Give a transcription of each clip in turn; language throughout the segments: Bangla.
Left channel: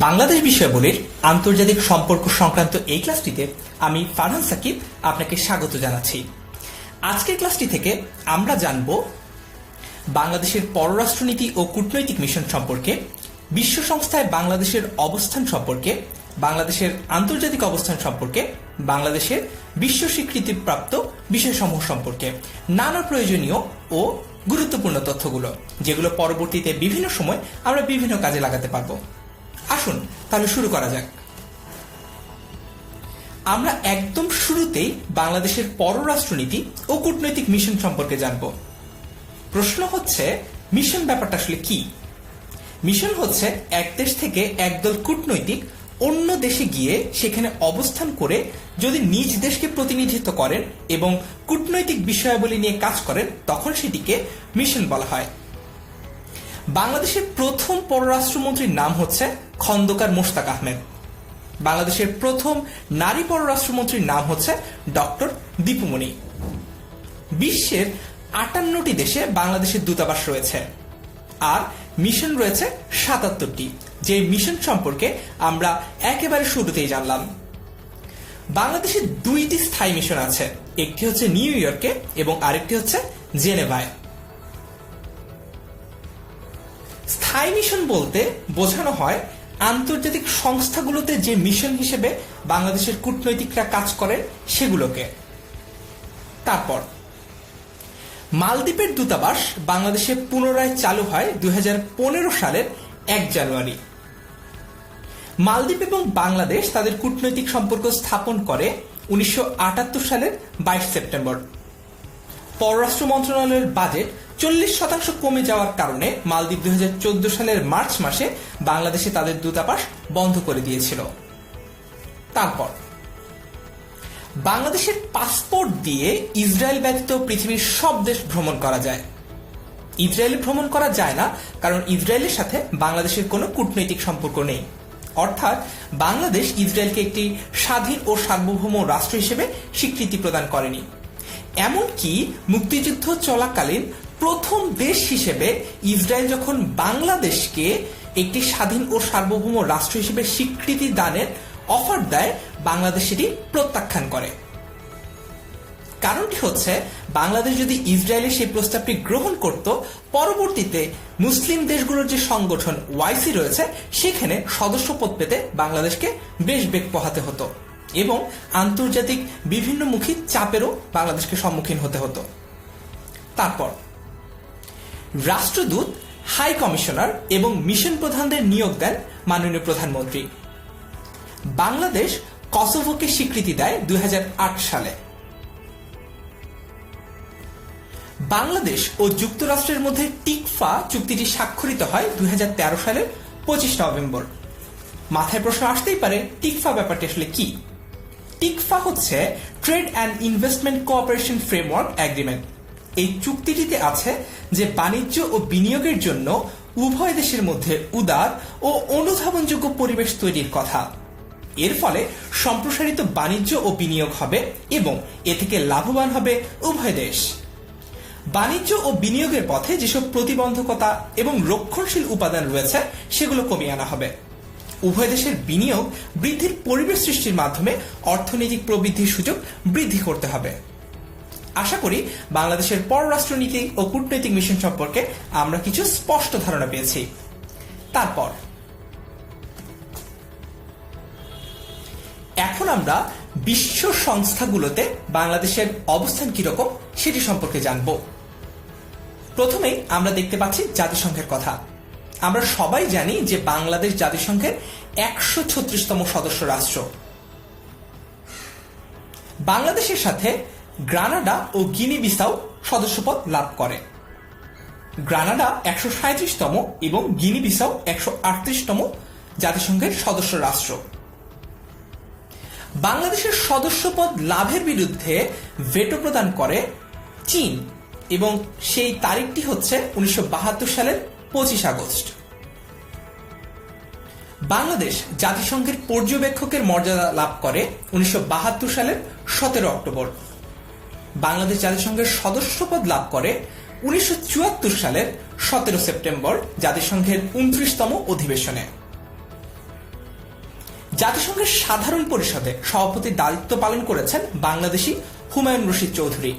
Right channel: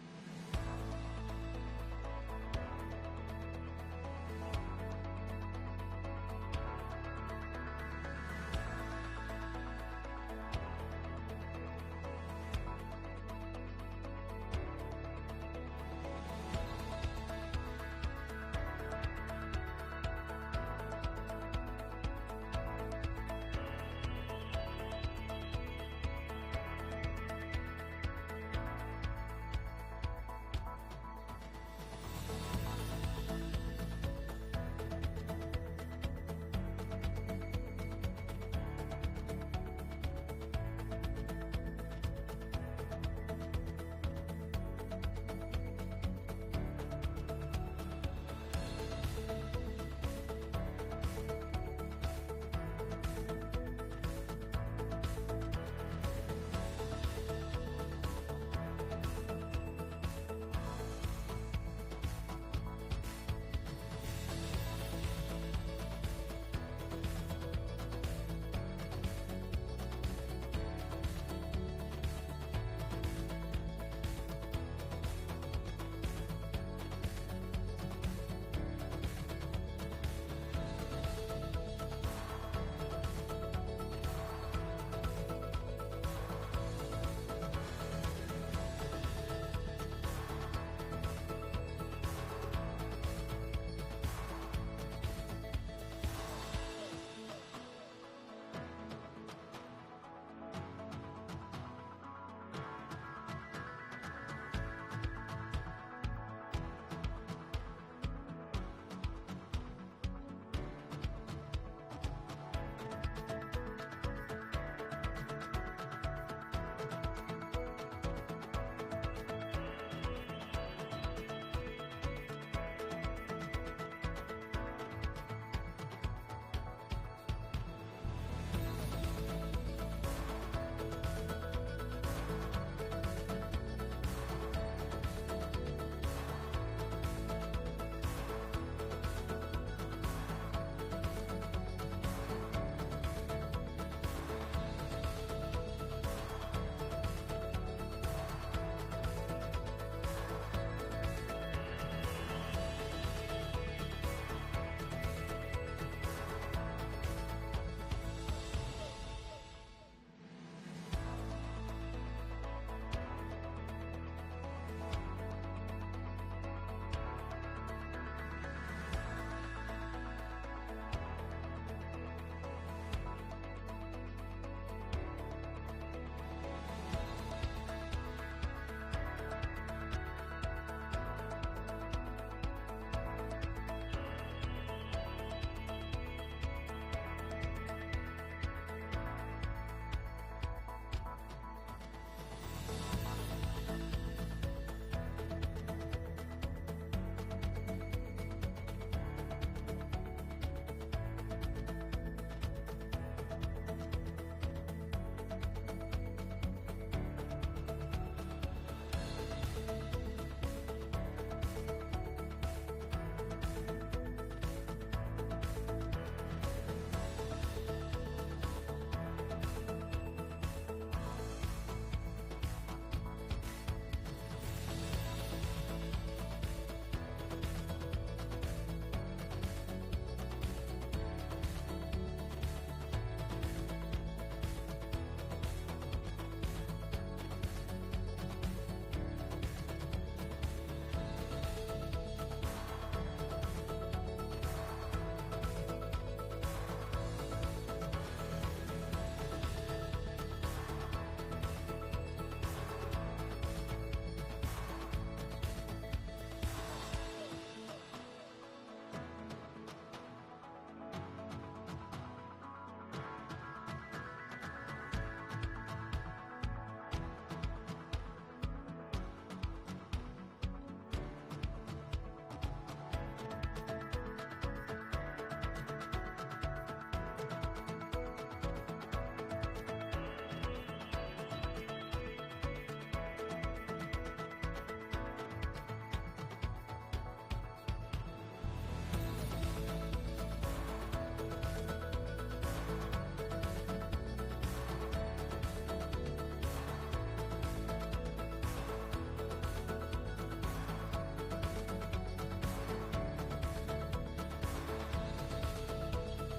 বাংলাদেশ বিষয়াবলীর আন্তর্জাতিক সম্পর্ক সংক্রান্ত এই ক্লাসটিতে আমি ফারহান সাকিব আপনাকে স্বাগত জানাচ্ছি। আজকের ক্লাসটি থেকে আমরা জানব বাংলাদেশের পররাষ্ট্রনীতি ও কূটনৈতিক মিশন সম্পর্কে, বিশ্ব সংস্থায় বাংলাদেশের অবস্থান সম্পর্কে, বাংলাদেশের আন্তর্জাতিক অবস্থান সম্পর্কে, বাংলাদেশের বিশ্ব স্বীকৃতিপ্রাপ্ত বিষয়সমূহ সম্পর্কে নানা প্রয়োজনীয় ও গুরুত্বপূর্ণ তথ্যগুলো, যেগুলো পরবর্তীতে বিভিন্ন সময় আমরা বিভিন্ন কাজে লাগাতে পারবো। আসুন তাহলে শুরু করা যাক। আমরা একদম শুরুতেই বাংলাদেশের পররাষ্ট্রনীতি ও কূটনৈতিক মিশন সম্পর্কে জানব। প্রশ্ন হচ্ছে, মিশন ব্যাপারটা আসলে কি? মিশন হচ্ছে এক দেশ থেকে একদল কূটনৈতিক অন্য দেশে গিয়ে সেখানে অবস্থান করে যদি নিজ দেশকে প্রতিনিধিত্ব করেন এবং কূটনৈতিক বিষয়াবলী নিয়ে কাজ করেন, তখন সেটিকে মিশন বলা হয়। বাংলাদেশের প্রথম পররাষ্ট্রমন্ত্রীর নাম হচ্ছে খন্দকার মোশতাক আহমেদ। বাংলাদেশের প্রথম নারী পররাষ্ট্রমন্ত্রীর নাম হচ্ছে ডক্টর দীপুমণি। বিশ্বের 58টি দেশে বাংলাদেশের দূতাবাস রয়েছে আর মিশন রয়েছে 77টি, যে মিশন সম্পর্কে আমরা একেবারে শুরুতেই জানলাম। বাংলাদেশের 2টি স্থায়ী মিশন আছে, একটি হচ্ছে নিউ ইয়র্কে এবং আরেকটি হচ্ছে জেনেভায়। স্থায়ী মিশন বলতে বোঝানো হয় আন্তর্জাতিক সংস্থাগুলোতে যে মিশন হিসেবে বাংলাদেশের কূটনৈতিকরা কাজ করেন সেগুলোকে। তারপর মালদ্বীপের দূতাবাস বাংলাদেশে পুনরায় চালু হয় 2015 সালের 1 জানুয়ারি। মালদ্বীপ এবং বাংলাদেশ তাদের কূটনৈতিক সম্পর্ক স্থাপন করে 1978 সালের 22 সেপ্টেম্বর। পররাষ্ট্র মন্ত্রণালয়ের বাজেট 40% কমে যাওয়ার কারণে মালদ্বীপ 2014 সালের মার্চ মাসে বাংলাদেশে তাদের দূতাবাস বন্ধ করে দিয়েছিল। তারপর বাংলাদেশের পাসপোর্ট দিয়ে ইসরায়েল ব্যতীত পৃথিবীর সব দেশ ভ্রমণ করা যায়। ইসরায়েলে ভ্রমণ করা যায় না কারণ ইসরায়েলের সাথে বাংলাদেশের কোনো কূটনৈতিক সম্পর্ক নেই, অর্থাৎ বাংলাদেশ ইসরায়েলকে একটি স্বাধীন ও সার্বভৌম রাষ্ট্র হিসেবে স্বীকৃতি প্রদান করেনি। এমনকি মুক্তিযুদ্ধ চলাকালীন প্রথম দেশ হিসেবে ইসরায়েল যখন বাংলাদেশকে একটি স্বাধীন ও সার্বভৌম রাষ্ট্র হিসেবে স্বীকৃতি দানের অফার দেয়, বাংলাদেশ সেটি প্রত্যাখ্যান করে। কারণটি হচ্ছে, বাংলাদেশ যদি ইসরায়েলের সেই প্রস্তাবটি গ্রহণ করত, পরবর্তীতে মুসলিম দেশগুলোর যে সংগঠন ওয়াইসি রয়েছে সেখানে সদস্যপদ পেতে বাংলাদেশকে বেশ বেগ পোহাতে হতো এবং আন্তর্জাতিক বিভিন্নমুখী চাপেরও বাংলাদেশকে সম্মুখীন হতে হতো। তারপর রাষ্ট্রদূত, হাই কমিশনার এবং মিশন প্রধানদের নিয়োগ দেন মাননীয় প্রধানমন্ত্রী। বাংলাদেশ কসোভোকে স্বীকৃতি দেয় 2008 সালে। বাংলাদেশ ও যুক্তরাষ্ট্রের মধ্যে টিকফা চুক্তিটি স্বাক্ষরিত হয় 2013 সালের 25 নভেম্বর। মাথায় প্রশ্ন আসতেই পারে, টিকফা ব্যাপারটি আসলে কি? টিকফা হচ্ছে trade and investment cooperation framework agreement. এই চুক্তিটিতে আছে যে বাণিজ্য ও বিনিয়োগের জন্য উভয় দেশের মধ্যে উদার ও অনুধাবনযোগ্য পরিবেশ তৈরির কথা। এর ফলে সম্প্রসারিত বাণিজ্য ও বিনিয়োগ হবে এবং এ থেকে লাভবান হবে উভয় দেশ। বাণিজ্য ও বিনিয়োগের পথে যেসব প্রতিবন্ধকতা এবং রক্ষণশীল উপাদান রয়েছে সেগুলো কমিয়ে আনা হবে। উভয় দেশের বিনিয়োগ বৃদ্ধির পরিবেশ সৃষ্টির মাধ্যমে অর্থনৈতিক প্রবৃদ্ধির সুযোগ বৃদ্ধি করতে হবে। আশা করি বাংলাদেশের পররাষ্ট্রনীতি ও কূটনৈতিক মিশন সম্পর্কে আমরা কিছু স্পষ্ট ধারণা পেয়েছি। তারপর এখন আমরা বিশ্ব সংস্থাগুলোতে বাংলাদেশের অবস্থান কিরকম সেটি সম্পর্কে জানব। প্রথমেই আমরা দেখতে পাচ্ছি জাতিসংঘের কথা। আমরা সবাই জানি যে বাংলাদেশ জাতিসংঘের 136তম সদস্য রাষ্ট্র। বাংলাদেশের সাথে গ্রানাডা ও গিনি বিসাউ সদস্যপদ লাভ করে। গ্রানাডা 137তম এবং গিনি বিসাউ 138তম জাতিসংঘের সদস্য রাষ্ট্র। বাংলাদেশের সদস্যপদ লাভের বিরুদ্ধে ভেটো প্রদান করে চীন এবং সেই তারিখটি হচ্ছে 1972 সালের 25 আগস্ট। বাংলাদেশ জাতিসংঘের পর্যবেক্ষকের মর্যাদা লাভ করে 1972 সালের 17 অক্টোবর। বাংলাদেশ জাতিসংঘের সদস্যপদ লাভ করে 1974 সালের 17 সেপ্টেম্বর জাতিসংঘের 29তম অধিবেশনে। জাতিসংঘের সাধারণ পরিষদে সভাপতির দায়িত্ব পালন করেছেন বাংলাদেশি হুমায়ুন রশিদ চৌধুরী,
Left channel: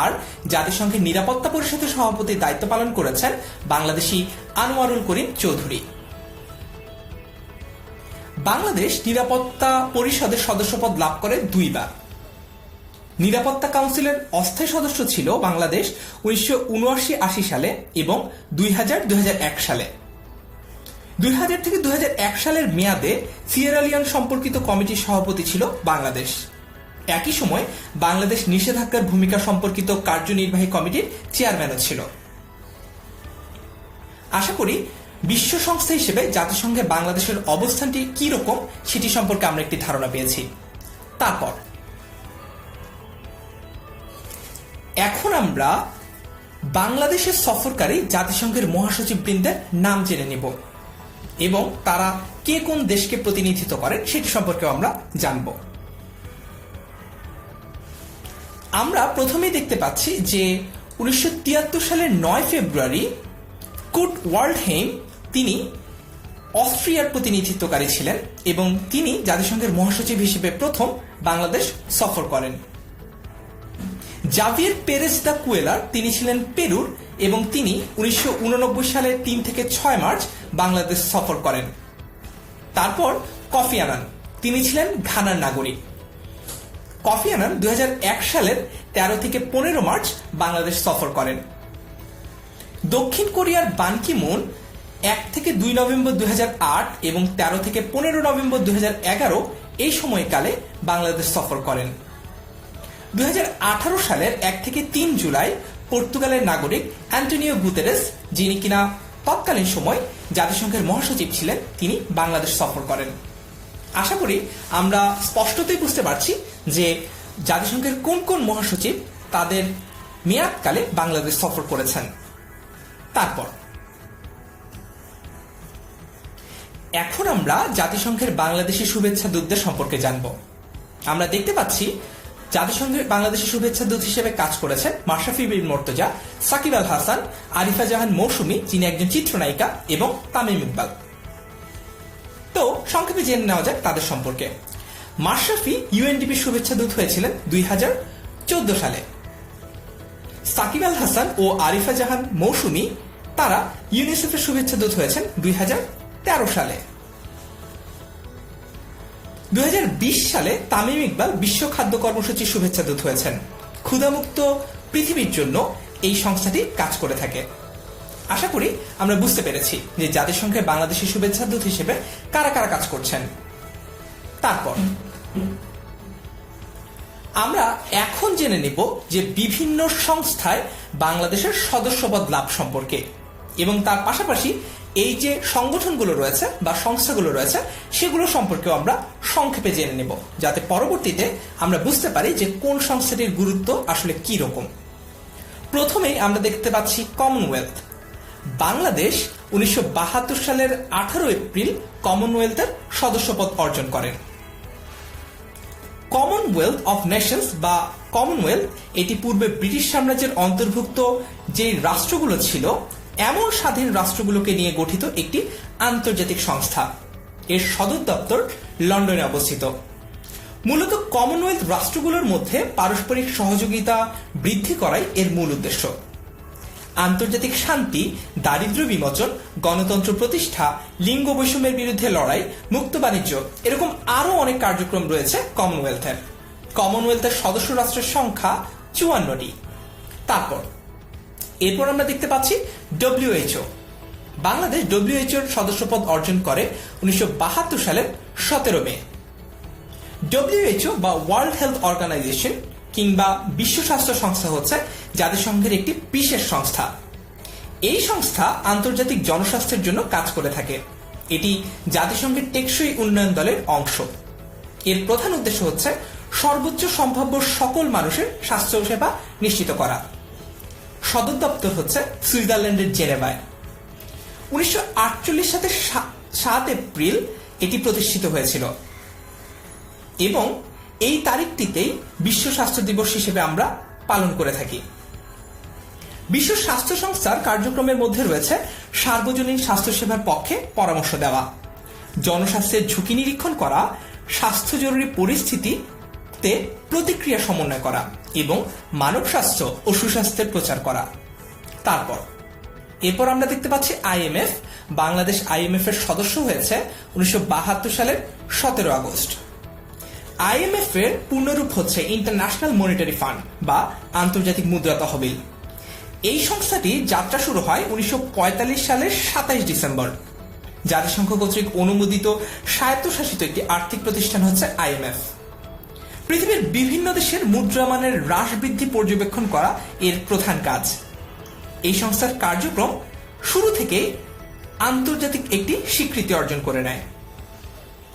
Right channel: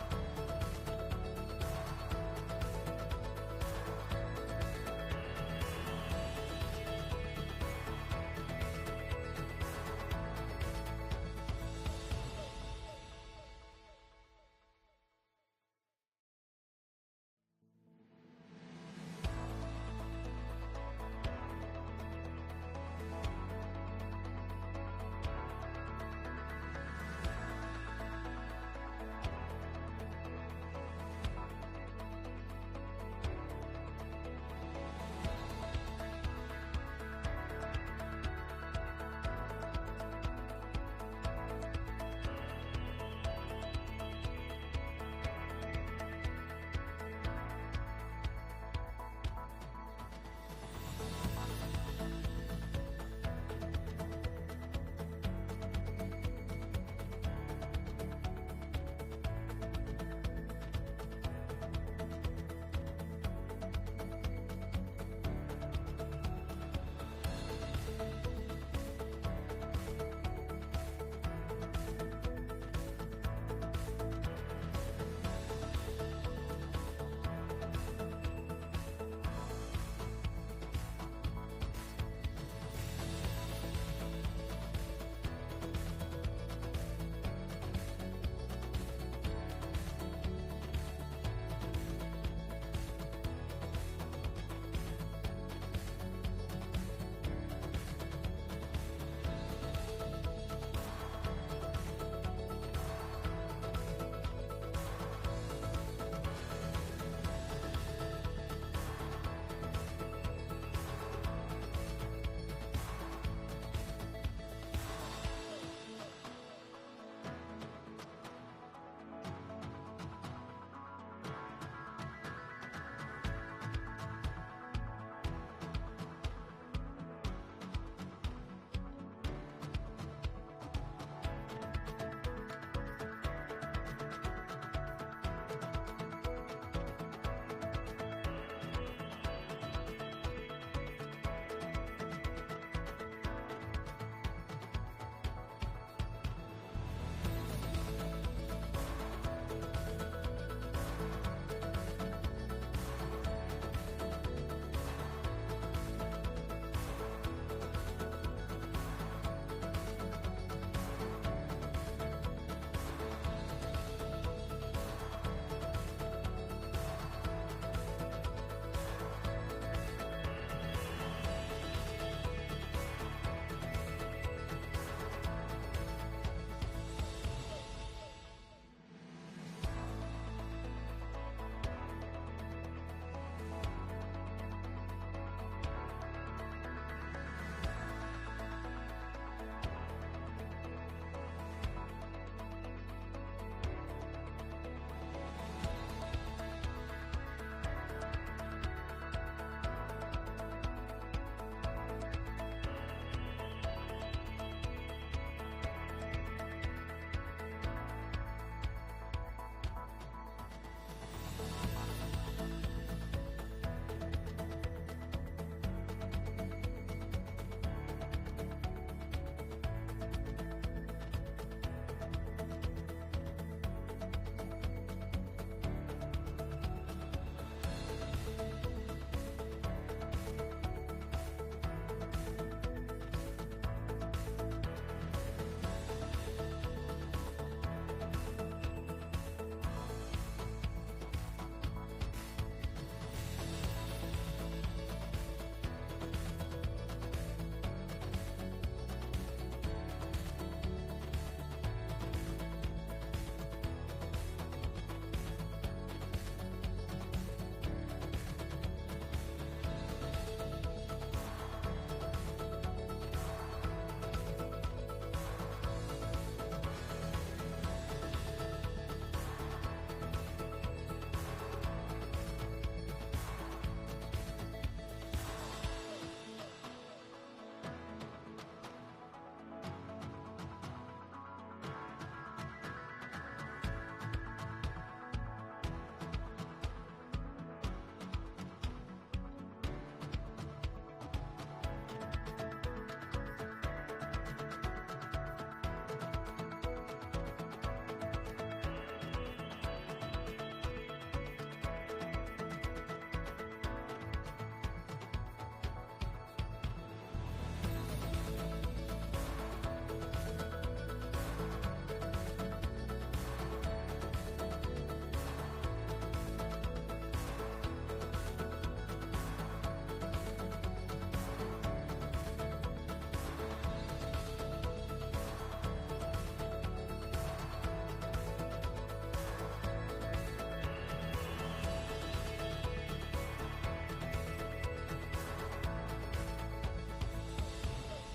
আর জাতিসংঘের নিরাপত্তা পরিষদের সভাপতির দায়িত্ব পালন করেছেন বাংলাদেশি আনোয়ারুল করিম চৌধুরী। বাংলাদেশ নিরাপত্তা পরিষদের সদস্যপদ লাভ করে দুইবার। নিরাপত্তা কাউন্সিলের অস্থায়ী সদস্য ছিল বাংলাদেশ 1979-80 সালে এবং 2000-2001 সালে। 2000 থেকে 2001 সালের মেয়াদে সিয়েরা লিওন সম্পর্কিত কমিটির সভাপতি ছিল বাংলাদেশ। একই সময় বাংলাদেশ নিষেধাজ্ঞার ভূমিকা সম্পর্কিত কার্যনির্বাহী কমিটির চেয়ারম্যানও ছিল। আশা করি বিশ্ব সংস্থা হিসেবে জাতিসংঘে বাংলাদেশের অবস্থানটি কি রকম সেটি সম্পর্কে আমরা একটি ধারণা পেয়েছি। তারপর এখন আমরা বাংলাদেশের সফরকারী জাতিসংঘের মহাসচিববৃন্দের নাম জেনে নেব এবং তারা কে কোন দেশকে প্রতিনিধিত্ব করেন সেটি সম্পর্কে আমরা জানব। আমরা প্রথমেই দেখতে পাচ্ছি যে 1973 সালের 9 ফেব্রুয়ারি কুর্ট ওয়াল্ডহেইম তিনি অস্ট্রিয়ার প্রতিনিধিত্বকারী ছিলেন এবং তিনি জাতিসংঘের মহাসচিব হিসেবে প্রথম বাংলাদেশ সফর করেন। জাভিয়ের পেরেজ দা কুয়েলার তিনি ছিলেন পেরুর এবং তিনি 1989 সালের 3 থেকে 6 মার্চ বাংলাদেশ সফর করেন। তারপর কফি আনান, তিনি ছিলেন ঘানার নাগরিক। কফি আনান 2001 সালের 13 থেকে 15 মার্চ বাংলাদেশ সফর করেন। দক্ষিণ কোরিয়ার বান কি মুন 1 থেকে 2 নভেম্বর 2008 এবং 13 থেকে 15 নভেম্বর 2011 এই সময়কালে বাংলাদেশ সফর করেন। 2018 সালের 1 থেকে 3 জুলাই পর্তুগালের নাগরিক অ্যান্টোনিও গুতেরেস, যিনি কিনা তৎকালীন সময় জাতিসংঘের মহাসচিব ছিলেন, তিনি বাংলাদেশ সফর করেন। আশা করি আমরা স্পষ্টতই বুঝতে পারছি যে জাতিসংঘের কোন কোন মহাসচিব তাদের মেয়াদকালে বাংলাদেশ সফর করেছেন। তারপর এখন আমরা জাতিসংঘের বাংলাদেশি শুভেচ্ছা দূতদের সম্পর্কে জানব। আমরা দেখতে পাচ্ছি জাতিসংঘের বাংলাদেশি শুভেচ্ছা দূত হিসেবে কাজ করেছেন মাশরাফি বিন মুর্তজা, সাকিব আল হাসান, আরিফা জাহান মৌসুমী, যিনি একজন চিত্রনায়িকা, এবং তামিম ইকবাল। তো সংক্ষেপে জেনে নেওয়া যাক তাদের সম্পর্কে। মাশরাফি ইউএনডিপির শুভেচ্ছা দূত হয়েছিলেন 2014 সালে। সাকিব আল হাসান ও আরিফা জাহান মৌসুমী তারা ইউনিসেফের শুভেচ্ছা দূত হয়েছেন 2013 সালে। 2020 সালে তামিম ইকবাল বিশ্ব খাদ্য কর্মসূচির শুভেচ্ছা দূত হয়েছেন। ক্ষুধামুক্ত পৃথিবীর জন্য এই সংস্থাটি কাজ করে থাকে। আশা করি আমরা বুঝতে পেরেছি যে জাতিসংঘের বাংলাদেশি শুভেচ্ছা দূত হিসেবে কারা কারা কাজ করছেন। তারপর আমরা এখন জেনে নেব যে বিভিন্ন সংস্থায় বাংলাদেশের সদস্যপদ লাভ সম্পর্কে এবং তার পাশাপাশি এই যে সংগঠনগুলো রয়েছে বা সংস্থাগুলো রয়েছে সেগুলো সম্পর্কেও আমরা সংক্ষেপে জেনে নেব, যাতে পরবর্তীতে আমরা বুঝতে পারি যে কোন সংস্থাটির গুরুত্ব আসলে কি রকম। প্রথমেই আমরা দেখতে পাচ্ছি কমনওয়েলথ। বাংলাদেশ 1972 সালের 18 এপ্রিল কমনওয়েলথের সদস্যপদ অর্জন করেন। কমনওয়েলথ অফ নেশনস বা কমনওয়েলথ এটি পূর্বে ব্রিটিশ সাম্রাজ্যের অন্তর্ভুক্ত যে রাষ্ট্রগুলো ছিল এমন স্বাধীন রাষ্ট্রগুলোকে নিয়ে গঠিত একটি আন্তর্জাতিক সংস্থা। এর সদর দপ্তর লন্ডনে অবস্থিত। মূলত কমনওয়েলথ রাষ্ট্রগুলোর মধ্যে পারস্পরিক সহযোগিতা বৃদ্ধি করাই এর মূল উদ্দেশ্য। আন্তর্জাতিক শান্তি, দারিদ্র্য বিমোচন, গণতন্ত্র প্রতিষ্ঠা, লিঙ্গ বৈষম্যের বিরুদ্ধে লড়াই, মুক্ত বাণিজ্য, এরকম আরো অনেক কার্যক্রম রয়েছে কমনওয়েলথের। কমনওয়েলথের সদস্য রাষ্ট্রের সংখ্যা 54টি। এরপর আমরা দেখতে পাচ্ছি ডব্লিউএইচও। বাংলাদেশ ডব্লিউএইচওর সদস্যপদ অর্জন করে 1972 সালের 17 মে। ডব্লিউএইচও বা ওয়ার্ল্ড হেলথ অর্গানাইজেশন কিংবা বিশ্ব স্বাস্থ্য সংস্থা হচ্ছে জাতিসংঘের একটি বিশেষ সংস্থা। এই সংস্থা আন্তর্জাতিক জনস্বাস্থ্যের জন্য কাজ করে থাকে। এটি জাতিসংঘের টেকসই উন্নয়ন দলের অংশ। এর প্রধান উদ্দেশ্য হচ্ছে সর্বোচ্চ সম্ভাব্য সকল মানুষের স্বাস্থ্য সেবা নিশ্চিত করা। সদর দপ্তর হচ্ছে সুইজারল্যান্ডের জেনেভায়। 1948 সালের 7 এপ্রিল এটি প্রতিষ্ঠিত হয়েছিল এবং এই তারিখটিতেই বিশ্ব স্বাস্থ্য দিবস হিসেবে আমরা পালন করে থাকি। বিশ্ব স্বাস্থ্য সংস্থার কার্যক্রমের মধ্যে রয়েছে সার্বজনীন স্বাস্থ্যসেবার পক্ষে পরামর্শ দেওয়া, জনস্বাস্থ্যের ঝুঁকি নিরীক্ষণ করা, স্বাস্থ্য জরুরি পরিস্থিতিতে প্রতিক্রিয়া সমন্বয় করা এবং মানব স্বাস্থ্য ও সুস্বাস্থ্যের প্রচার করা। এরপর আমরা দেখতে পাচ্ছি আইএমএফ। বাংলাদেশ আইএমএফ এর সদস্য হয়েছে 1972 সালের 17 আগস্ট। আইএমএফ এর পূর্ণরূপ হচ্ছে ইন্টারন্যাশনাল মনিটারি ফান্ড বা আন্তর্জাতিক মুদ্রা তহবিল। এই সংস্থাটি যাত্রা শুরু হয় 1945 সালের 27 ডিসেম্বর। জাতিসংঘ কর্তৃক অনুমোদিত স্বায়ত্তশাসিত একটি আর্থিক প্রতিষ্ঠান হচ্ছে আইএমএফ। পৃথিবীর বিভিন্ন দেশের মুদ্রামানের হ্রাস বৃদ্ধি পর্যবেক্ষণ করা এর প্রধান কাজ। এই সংস্থার কার্যক্রম শুরু থেকেই আন্তর্জাতিক একটি স্বীকৃতি অর্জন করে নেয়।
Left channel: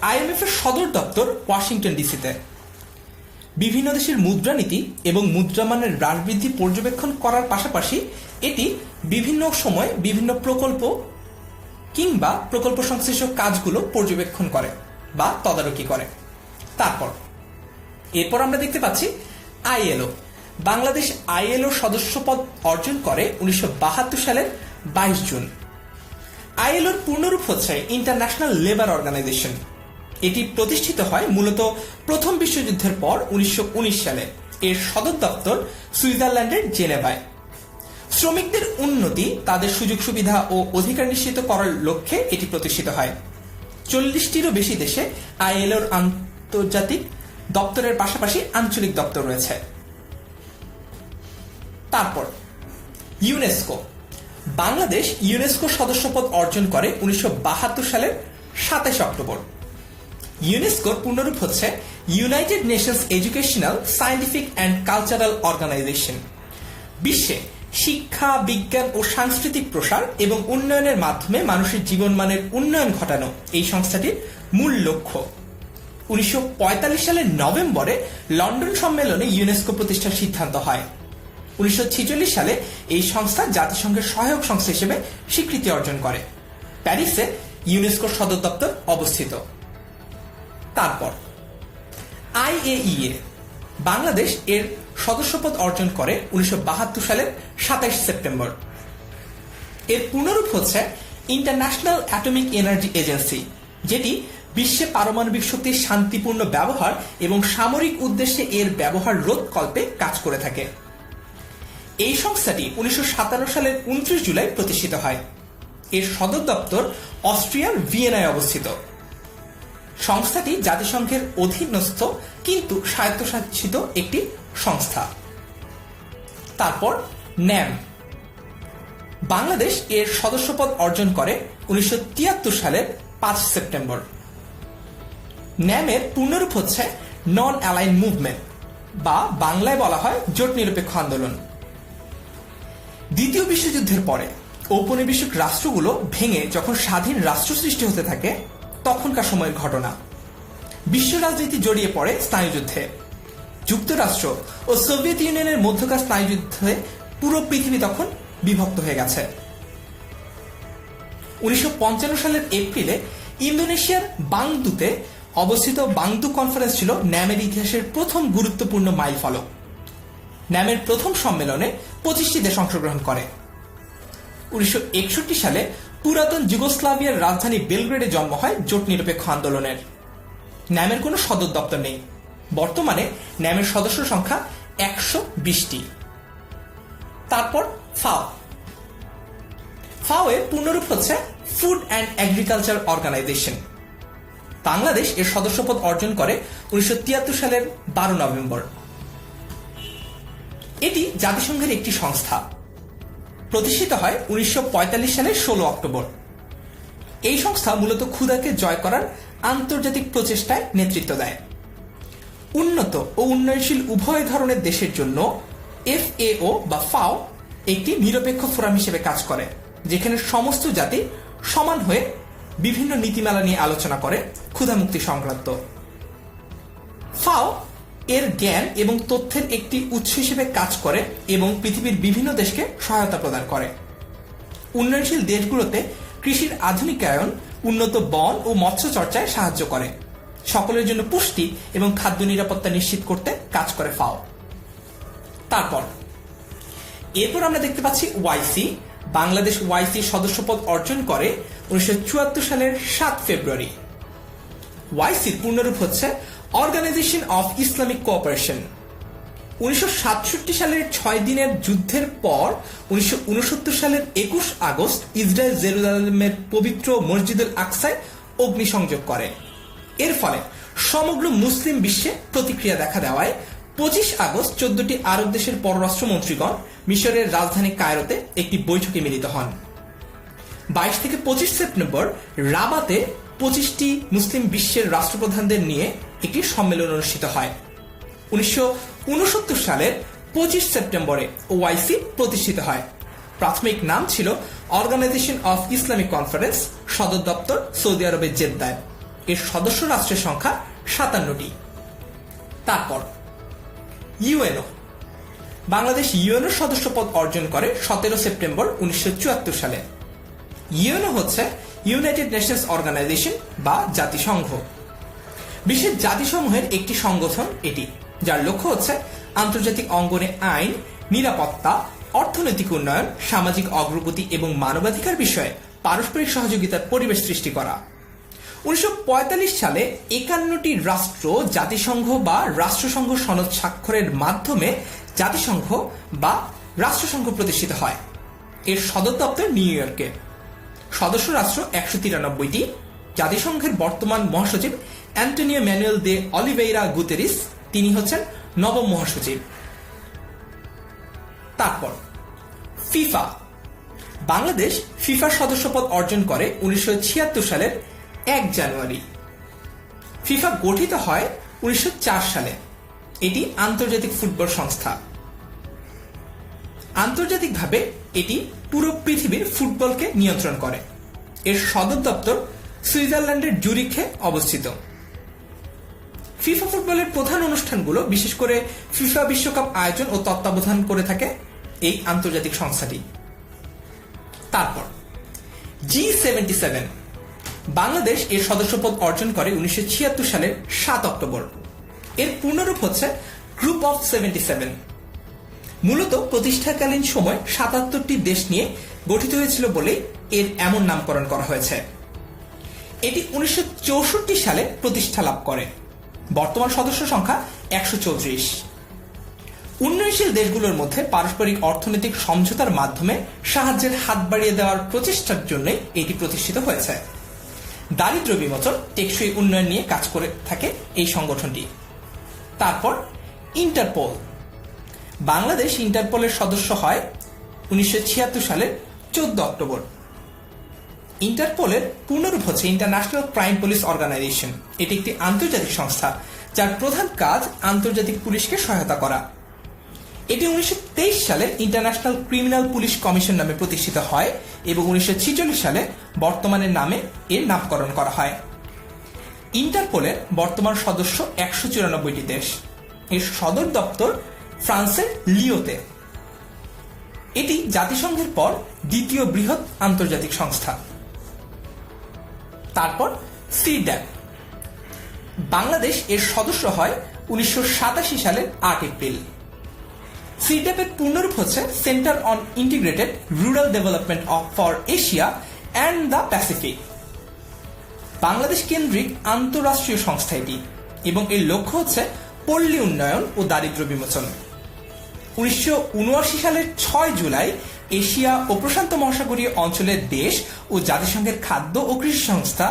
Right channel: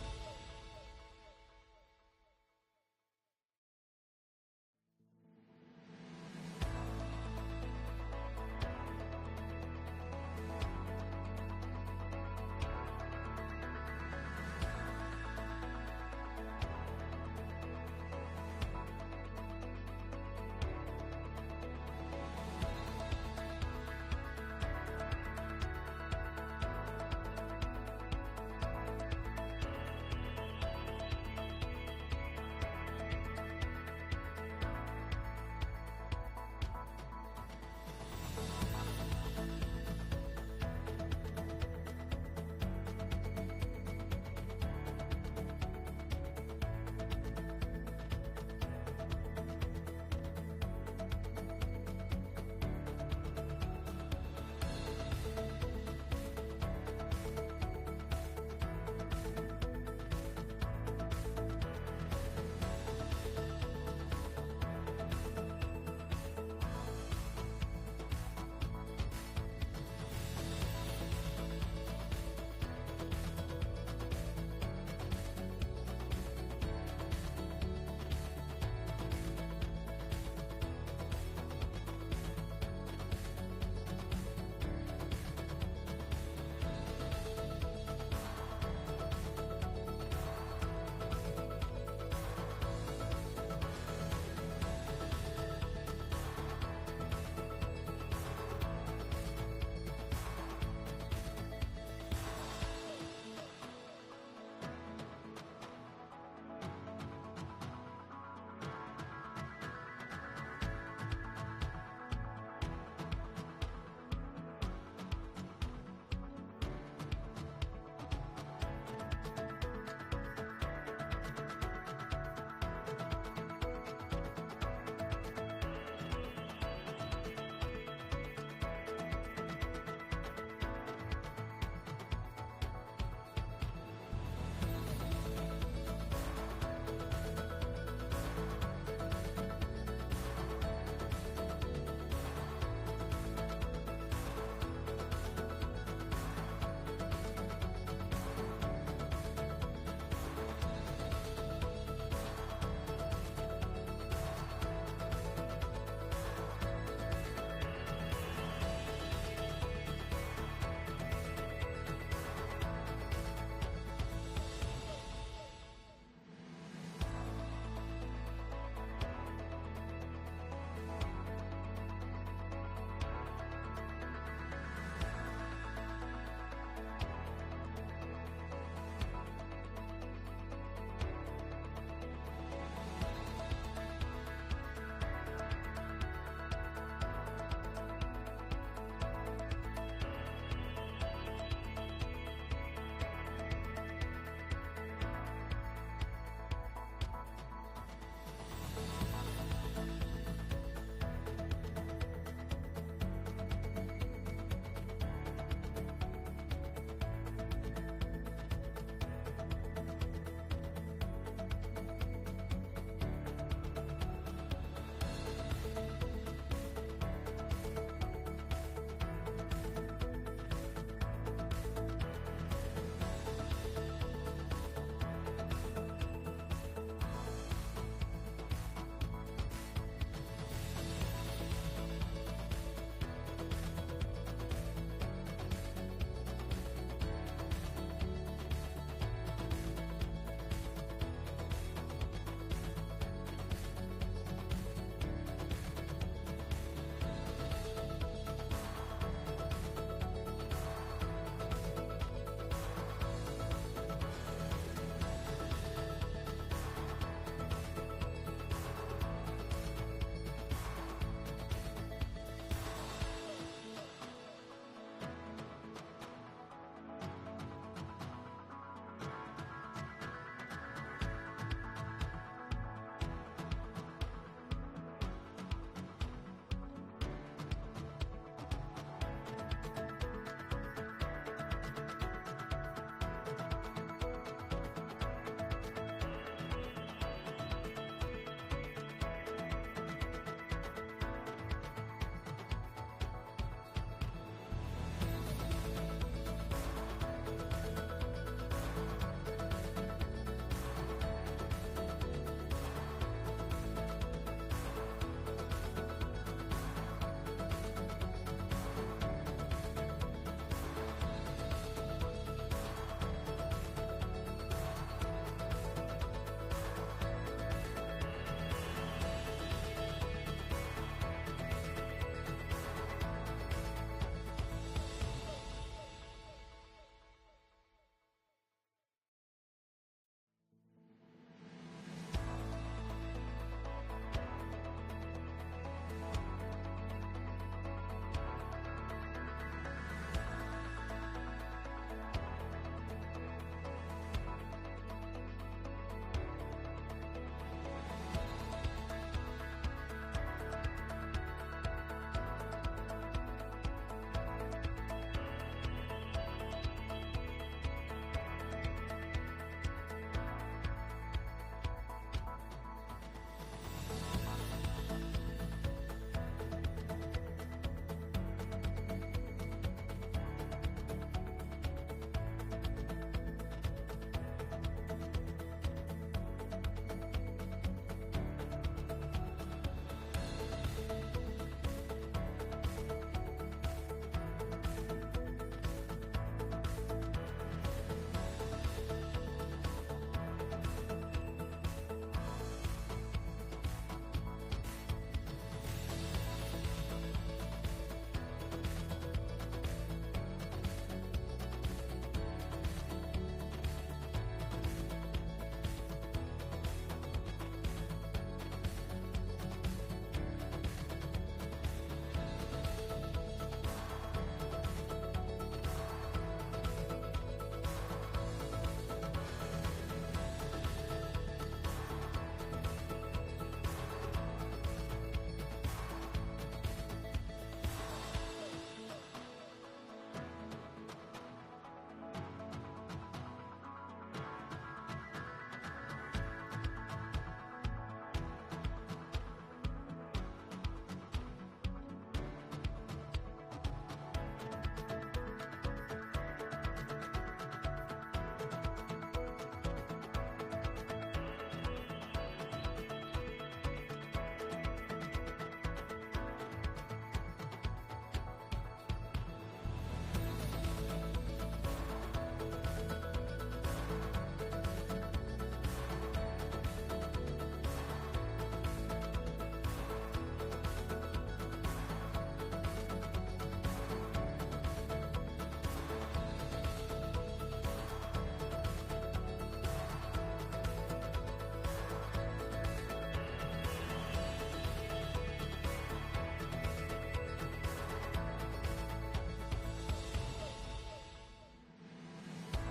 আইএমএফ এর সদর দপ্তর ওয়াশিংটন ডিসিতে। বিভিন্ন দেশের মুদ্রানীতি এবং মুদ্রামানের হ্রাস বৃদ্ধি পর্যবেক্ষণ করার পাশাপাশি এটি বিভিন্ন সময় বিভিন্ন প্রকল্প কিংবা প্রকল্প সংশ্লিষ্ট কাজগুলো পর্যবেক্ষণ করে বা তদারকি করে। এরপর আমরা দেখতে পাচ্ছি আইএলও। বাংলাদেশ আইএলও সদস্যপদ অর্জন করে 1972 সালের 22 জুন। আইএলওর পূর্ণরূপ হচ্ছে ইন্টারন্যাশনাল লেবার অর্গানাইজেশন। এটি প্রতিষ্ঠিত হয় মূলত প্রথম বিশ্বযুদ্ধের পর 1919 সালে। এর সদর দপ্তর সুইজারল্যান্ডের জেনেভায়। শ্রমিকদের উন্নতি, তাদের সুযোগ সুবিধা ও অধিকার নিশ্চিত করার লক্ষ্যে এটি প্রতিষ্ঠিত হয়। 40টিরও বেশি দেশে আইএলওর আন্তর্জাতিক দপ্তরের পাশাপাশি আঞ্চলিক দপ্তর রয়েছে। ইউনেস্কো। বাংলাদেশ ইউনেস্কো সদস্যপদ অর্জন করে 1972 সালের 27 অক্টোবর। ইউনেস্কোর পূর্ণরূপ হচ্ছে united nations educational, scientific and cultural organisation. বিশ্বে শিক্ষা, বিজ্ঞান ও সাংস্কৃতিক প্রসার এবং উন্নয়নের মাধ্যমে মানুষের জীবনমানের উন্নয়ন ঘটানো এই সংস্থাটির মূল লক্ষ্য। 1945 সালের নভেম্বরে লন্ডন সম্মেলনে ইউনেস্কো প্রতিষ্ঠার সিদ্ধান্ত হয়। 1946 সালে এই সংস্থা জাতিসংঘের সহায়ক সংস্থা হিসেবে স্বীকৃতি অর্জন করে। প্যারিসে ইউনেস্কোর সদর দপ্তর অবস্থিত। আইএইএ। বাংলাদেশ এর সদস্যপদ অর্জন করে 1972 সালের 27 সেপ্টেম্বর। এর পূর্ণরূপ হচ্ছে ইন্টারন্যাশনাল অ্যাটমিক এনার্জি এজেন্সি, যেটি বিশ্বে পারমাণবিক শক্তির শান্তিপূর্ণ ব্যবহার এবং সামরিক উদ্দেশ্যে এর ব্যবহার রোধকল্পে কাজ করে থাকে। এই সংস্থাটি 1957 সালের 29 জুলাই প্রতিষ্ঠিত হয়। এর সদর দপ্তর অস্ট্রিয়ার ভিয়েনায় অবস্থিত। সংস্থাটি জাতিসংঘের অধীনস্থ কিন্তু স্বায়ত্তশাসিত একটি সংস্থা। ন্যাম। বাংলাদেশ এর সদস্যপদ অর্জন করে 1973 সালের 5 সেপ্টেম্বর। ন্যামের পূর্ণরূপ হচ্ছে নন অ্যালাইন মুভমেন্ট বা বাংলায় বলা হয় জোট নিরপেক্ষ আন্দোলন। দ্বিতীয় বিশ্বযুদ্ধের পরে ঔপনিবেশিক রাষ্ট্রগুলো ভেঙে যখন স্বাধীন রাষ্ট্র সৃষ্টি হতে থাকে তখনকার সময়ের ঘটনা। বিশ্ব রাজনীতি জড়িয়ে পড়ে স্নায়ুযুদ্ধে। যুক্তরাষ্ট্র ও সোভিয়েত ইউনিয়নের মধ্যকার স্নায়ুযুদ্ধে পুরো পৃথিবী তখন বিভক্ত হয়ে গেছে। 1955 সালের এপ্রিলে ইন্দোনেশিয়ার বাংদুতে অবস্থিত বাংদু কনফারেন্স ছিল ন্যামের ইতিহাসের প্রথম গুরুত্বপূর্ণ মাইলফলক। ন্যামের প্রথম সম্মেলনে 25টি দেশ অংশগ্রহণ করে। 1961 সালে পুরাতন যুগোস্লাভিয়ার রাজধানী বেলগ্রেডে জন্ম হয় জোট নিরপেক্ষ আন্দোলনের। ন্যামের কোনো সদর দপ্তর নেই। বর্তমানে ন্যামের সদস্য সংখ্যা 120টি। ফাও। ফাও এর পূর্ণরূপ হচ্ছে food and agriculture organisation. Bangladesh এর সদস্যপদ অর্জন করে 1973 সালের 12 নভেম্বর। এটি জাতিসংঘের একটি সংস্থা। প্রতিষ্ঠিত হয় 1945 সালের 16 অক্টোবর। এই সংস্থা মূলত ক্ষুধাকে জয় করার আন্তর্জাতিক প্রচেষ্টায় নেতৃত্ব দেয়। উন্নত ও উন্নয়নশীল উভয় ধরনের দেশের জন্য FAO বা ফাও একটি নিরপেক্ষ ফোরাম হিসেবে কাজ করে, যেখানে সমস্ত জাতি সমান হয়ে বিভিন্ন নীতিমালা নিয়ে আলোচনা করে ক্ষুধামুক্তি সংক্রান্ত। ফাও এর জ্ঞান এবং তথ্যের একটি উৎস হিসেবে কাজ করে এবং পৃথিবীর বিভিন্ন দেশকে সহায়তা প্রদান করে। উন্নয়নশীল দেশগুলোতে কৃষির আধুনিকায়ন, উন্নত বন ও মৎস্য চর্চায় সাহায্য করে। সকলের জন্য পুষ্টি এবং খাদ্য নিরাপত্তা নিশ্চিত করতে কাজ করে ফাও। এরপর আমরা দেখতে পাচ্ছি ওয়াইসি। বাংলাদেশ ওয়াইসি সদস্যপদ অর্জন করে 1974 সালের 7 ফেব্রুয়ারি। ওয়াইসির পূর্ণরূপ হচ্ছে অর্গানাইজেশন অফ ইসলামিক কোঅপারেশন। 1967 সালের 6 দিনের যুদ্ধের পর 1969 সালের 21 আগস্ট ইসরায়েল জেরুজালেমের পবিত্র মসজিদুল আকসায় অগ্নিসংযোগ করে। এর ফলে সমগ্র মুসলিম বিশ্বে প্রতিক্রিয়া দেখা দেওয়ায় 25 আগস্ট 14টি আরব দেশের পররাষ্ট্রমন্ত্রীগণ মিশরের রাজধানী কায়রোতে একটি বৈঠকে মিলিত হন। 22 থেকে 25 সেপ্টেম্বর রাবাতে 25টি মুসলিম বিশ্বের রাষ্ট্রপ্রধানদের নিয়ে একটি সম্মেলন অনুষ্ঠিত হয়। 1969 সালের 25 সেপ্টেম্বরে ওআইসি প্রতিষ্ঠিত হয়। প্রাথমিক নাম ছিল অর্গানাইজেশন অফ ইসলামিক কনফারেন্স, সদর দপ্তর সৌদি আরবের জেদ্দায়। এর সদস্য রাষ্ট্রের সংখ্যা 57টি। তারপর ইউএনও। বাংলাদেশ ইউএনও সদস্যপদ অর্জন করে 17 সেপ্টেম্বর 1974 সালে। ইউএনও হচ্ছে ইউনাইটেড নেশনস অর্গানাইজেশন বা জাতিসংঘ। বিশ্বের জাতিসমূহের একটি সংগঠন এটি, যার লক্ষ্য হচ্ছে আন্তর্জাতিক অঙ্গনে আইন, নিরাপত্তা, অর্থনৈতিক উন্নয়ন, সামাজিক অগ্রগতি এবং মানবাধিকার বিষয়ে পারস্পরিক সহযোগিতার পরিবেশ সৃষ্টি করা। 1945 সালে 51টি রাষ্ট্র জাতিসংঘ বা রাষ্ট্রসংঘ সনদ স্বাক্ষরের মাধ্যমে জাতিসংঘ বা রাষ্ট্রসংঘ প্রতিষ্ঠিত হয়। এর সদর দপ্তর নিউ ইয়র্কে। সদস্য রাষ্ট্র 193টি। জাতিসংঘের বর্তমান মহাসচিব অ্যান্টোনিও ম্যানুয়েল দে অলিভেইরা গুতেরিস, তিনি হচ্ছেন নবম মহাসচিব। তারপর ফিফা। বাংলাদেশ ফিফার সদস্যপদ অর্জন করে 1976 সালের 1 জানুয়ারি। ফিফা গঠিত হয় 1904 সালে। এটি আন্তর্জাতিক ফুটবল সংস্থা। আন্তর্জাতিকভাবে এটি পুরো পৃথিবীর ফুটবলকে নিয়ন্ত্রণ করে। এর সদর দপ্তর সুইজারল্যান্ডের জুরিখে অবস্থিত। ফিফা ফুটবলের প্রধান অনুষ্ঠানগুলো, বিশেষ করে ফিফা বিশ্বকাপ আয়োজন ও তত্ত্বাবধান করে থাকে এই আন্তর্জাতিক সংস্থাটি। তারপর G77। বাংলাদেশ এর সদস্যপদ অর্জন করে 1976 সালের 7 অক্টোবর। এর পূর্ণরূপ হচ্ছে গ্রুপ অফ 77। মূলত প্রতিষ্ঠাকালীন সময় 77টি দেশ নিয়ে গঠিত হয়েছিল বলে এর এমন নামকরণ করা হয়েছে। এটি 1964 সালে প্রতিষ্ঠা লাভ করে। বর্তমান সদস্য সংখ্যা 134। উন্নয়নশীল দেশগুলোর মধ্যে পারস্পরিক অর্থনৈতিক সমঝোতার মাধ্যমে সাহায্যের হাত বাড়িয়ে দেওয়ার প্রচেষ্টার জন্য এটি প্রতিষ্ঠিত হয়েছে। দারিদ্র্য বিমোচন, টেকসই উন্নয়ন নিয়ে কাজ করে থাকে এই সংগঠনটি। তারপর ইন্টারপোল। বাংলাদেশ ইন্টারপোলের সদস্য হয় 1976 সালের 14 অক্টোবর। ইন্টারপোলের পূর্ণরূপ হচ্ছে ইন্টারন্যাশনাল ক্রাইম পুলিশ অর্গানাইজেশন। এটি একটি আন্তর্জাতিক সংস্থা যার প্রধান কাজ আন্তর্জাতিক পুলিশকে সহায়তা করা। এটি 1923 সালে ইন্টারন্যাশনাল ক্রিমিনাল পুলিশ কমিশন নামে প্রতিষ্ঠিত হয় এবং 1946 সালে বর্তমানের নামে এর নামকরণ করা হয়। ইন্টারপোলের বর্তমান সদস্য 194টি দেশ। এর সদর দপ্তর ফ্রান্সের লিওতে। এটি জাতিসংঘের পর দ্বিতীয় বৃহৎ আন্তর্জাতিক সংস্থা। তারপর সিড্যাপ। বাংলাদেশ এর সদস্য হয় 1987 সালের 8 এপ্রিল। সিড্যাপের পূর্ণরূপ হচ্ছে centre on integrated rural development for Asia and the Pacific. Bangladesh কেন্দ্রিক আন্তঃরাষ্ট্রীয় সংস্থা এটি এবং এর লক্ষ্য হচ্ছে পল্লী উন্নয়ন ও দারিদ্র্য বিমোচন। 1979 সালের 6 জুলাই এশিয়া ও প্রশান্ত মহাসাগরীয় অঞ্চলের দেশ ও জাতিসংঘের খাদ্য ও কৃষি সংস্থা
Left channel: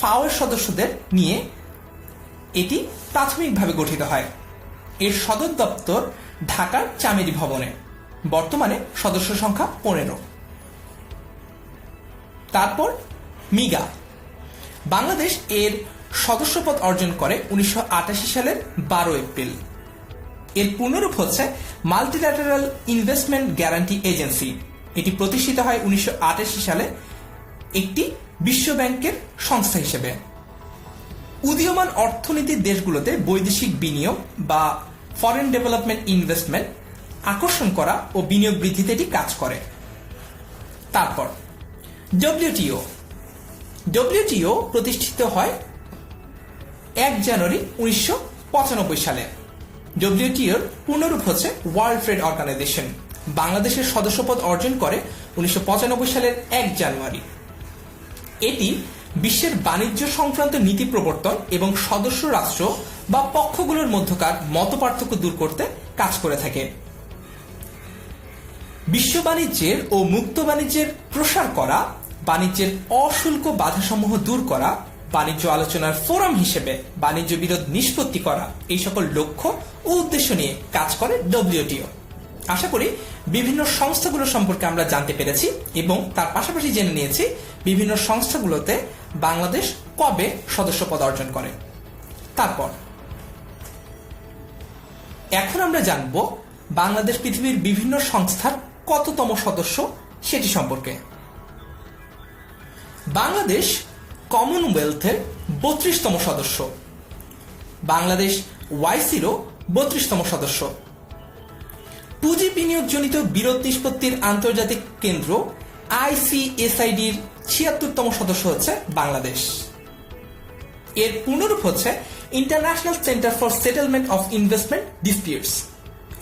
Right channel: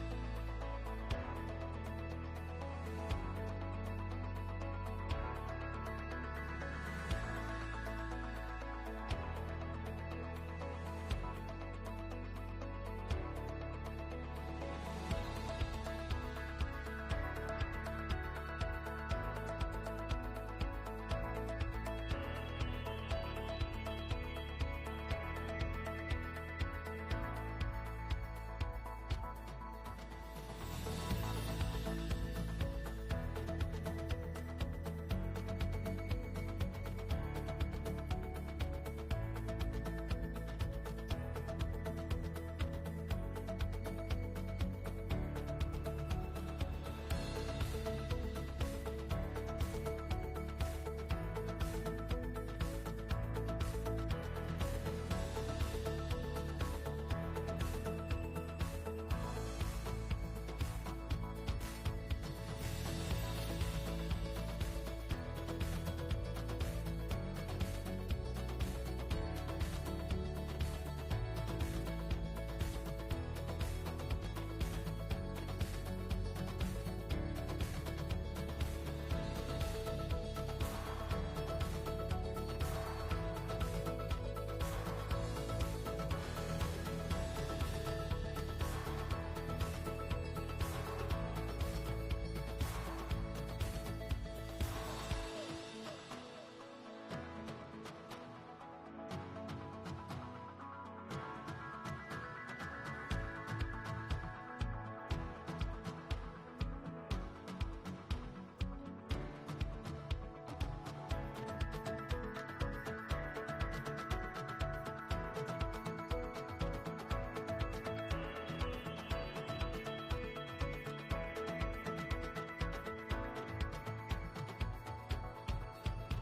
ফাওয়ের সদস্যদের নিয়ে এটি প্রাথমিকভাবে গঠিত হয়। এর সদর দপ্তর ঢাকার চামেলি ভবনে। বর্তমানে সদস্য সংখ্যা 15। তারপর মিগা। বাংলাদেশ এর সদস্যপদ অর্জন করে 1988 সালের 12 এপ্রিল। এর পূর্ণরূপ হচ্ছে মাল্টিল্যাটারাল ইনভেস্টমেন্ট গ্যারান্টি এজেন্সি। এটি প্রতিষ্ঠিত হয় 1988 সালে একটি বিশ্ব ব্যাংকের সংস্থা হিসেবে। উদীয়মান অর্থনীতির দেশগুলোতে বৈদেশিক বিনিয়োগ বা ফরেন ডেভেলপমেন্ট ইনভেস্টমেন্ট আকর্ষণ করা ও বিনিয়োগ বৃদ্ধিতে এটি কাজ করে। তারপর ডব্লিউটিও। ডব্লিউটিও প্রতিষ্ঠিত হয় 1 জানুয়ারি 1995 সালে। ডব্লিউটিওর পূর্ণরূপ হচ্ছে ওয়ার্ল্ড ট্রেড অর্গানাইজেশন। বাংলাদেশের সদস্যপদ অর্জন করে 1995 সালের 1 জানুয়ারি। এটি বিশ্বের বাণিজ্য সংক্রান্ত নীতি প্রবর্তন এবং সদস্য রাষ্ট্র বা পক্ষগুলোর মধ্যকার মতপার্থক্য দূর করতে কাজ করে থাকে। বিশ্ব বাণিজ্যের ও মুক্ত বাণিজ্যের প্রসার করা, বাণিজ্যের অশুল্ক বাধাসমূহ দূর করা, বাণিজ্য আলোচনার ফোরাম হিসেবে বাণিজ্য বিরোধ নিষ্পত্তি করা, এই সকল লক্ষ্য ও উদ্দেশ্য নিয়ে কাজ করে ডব্লিউটিও। আশা করি বিভিন্ন সংস্থাগুলো সম্পর্কে আমরা জানতে পেরেছি এবং তার পাশাপাশি জেনে নিয়েছি বিভিন্ন সংস্থাগুলোতে বাংলাদেশ কবে সদস্যপদ অর্জন করে। তারপর এখন আমরা জানব বাংলাদেশ পৃথিবীর বিভিন্ন সংস্থার কততম সদস্য সেটি সম্পর্কে। বাংলাদেশ কমনওয়েলথের 32তম সদস্য, বাংলাদেশ ওয়াইসিরও 32তম সদস্য, পুঁজি বিনিয়োগজনিত বিরোধ নিষ্পত্তির আন্তর্জাতিক কেন্দ্র ICSID-র 76তম সদস্য হচ্ছে বাংলাদেশ। এর পূর্ণরূপ হচ্ছে international centre for settlement of investment disputes.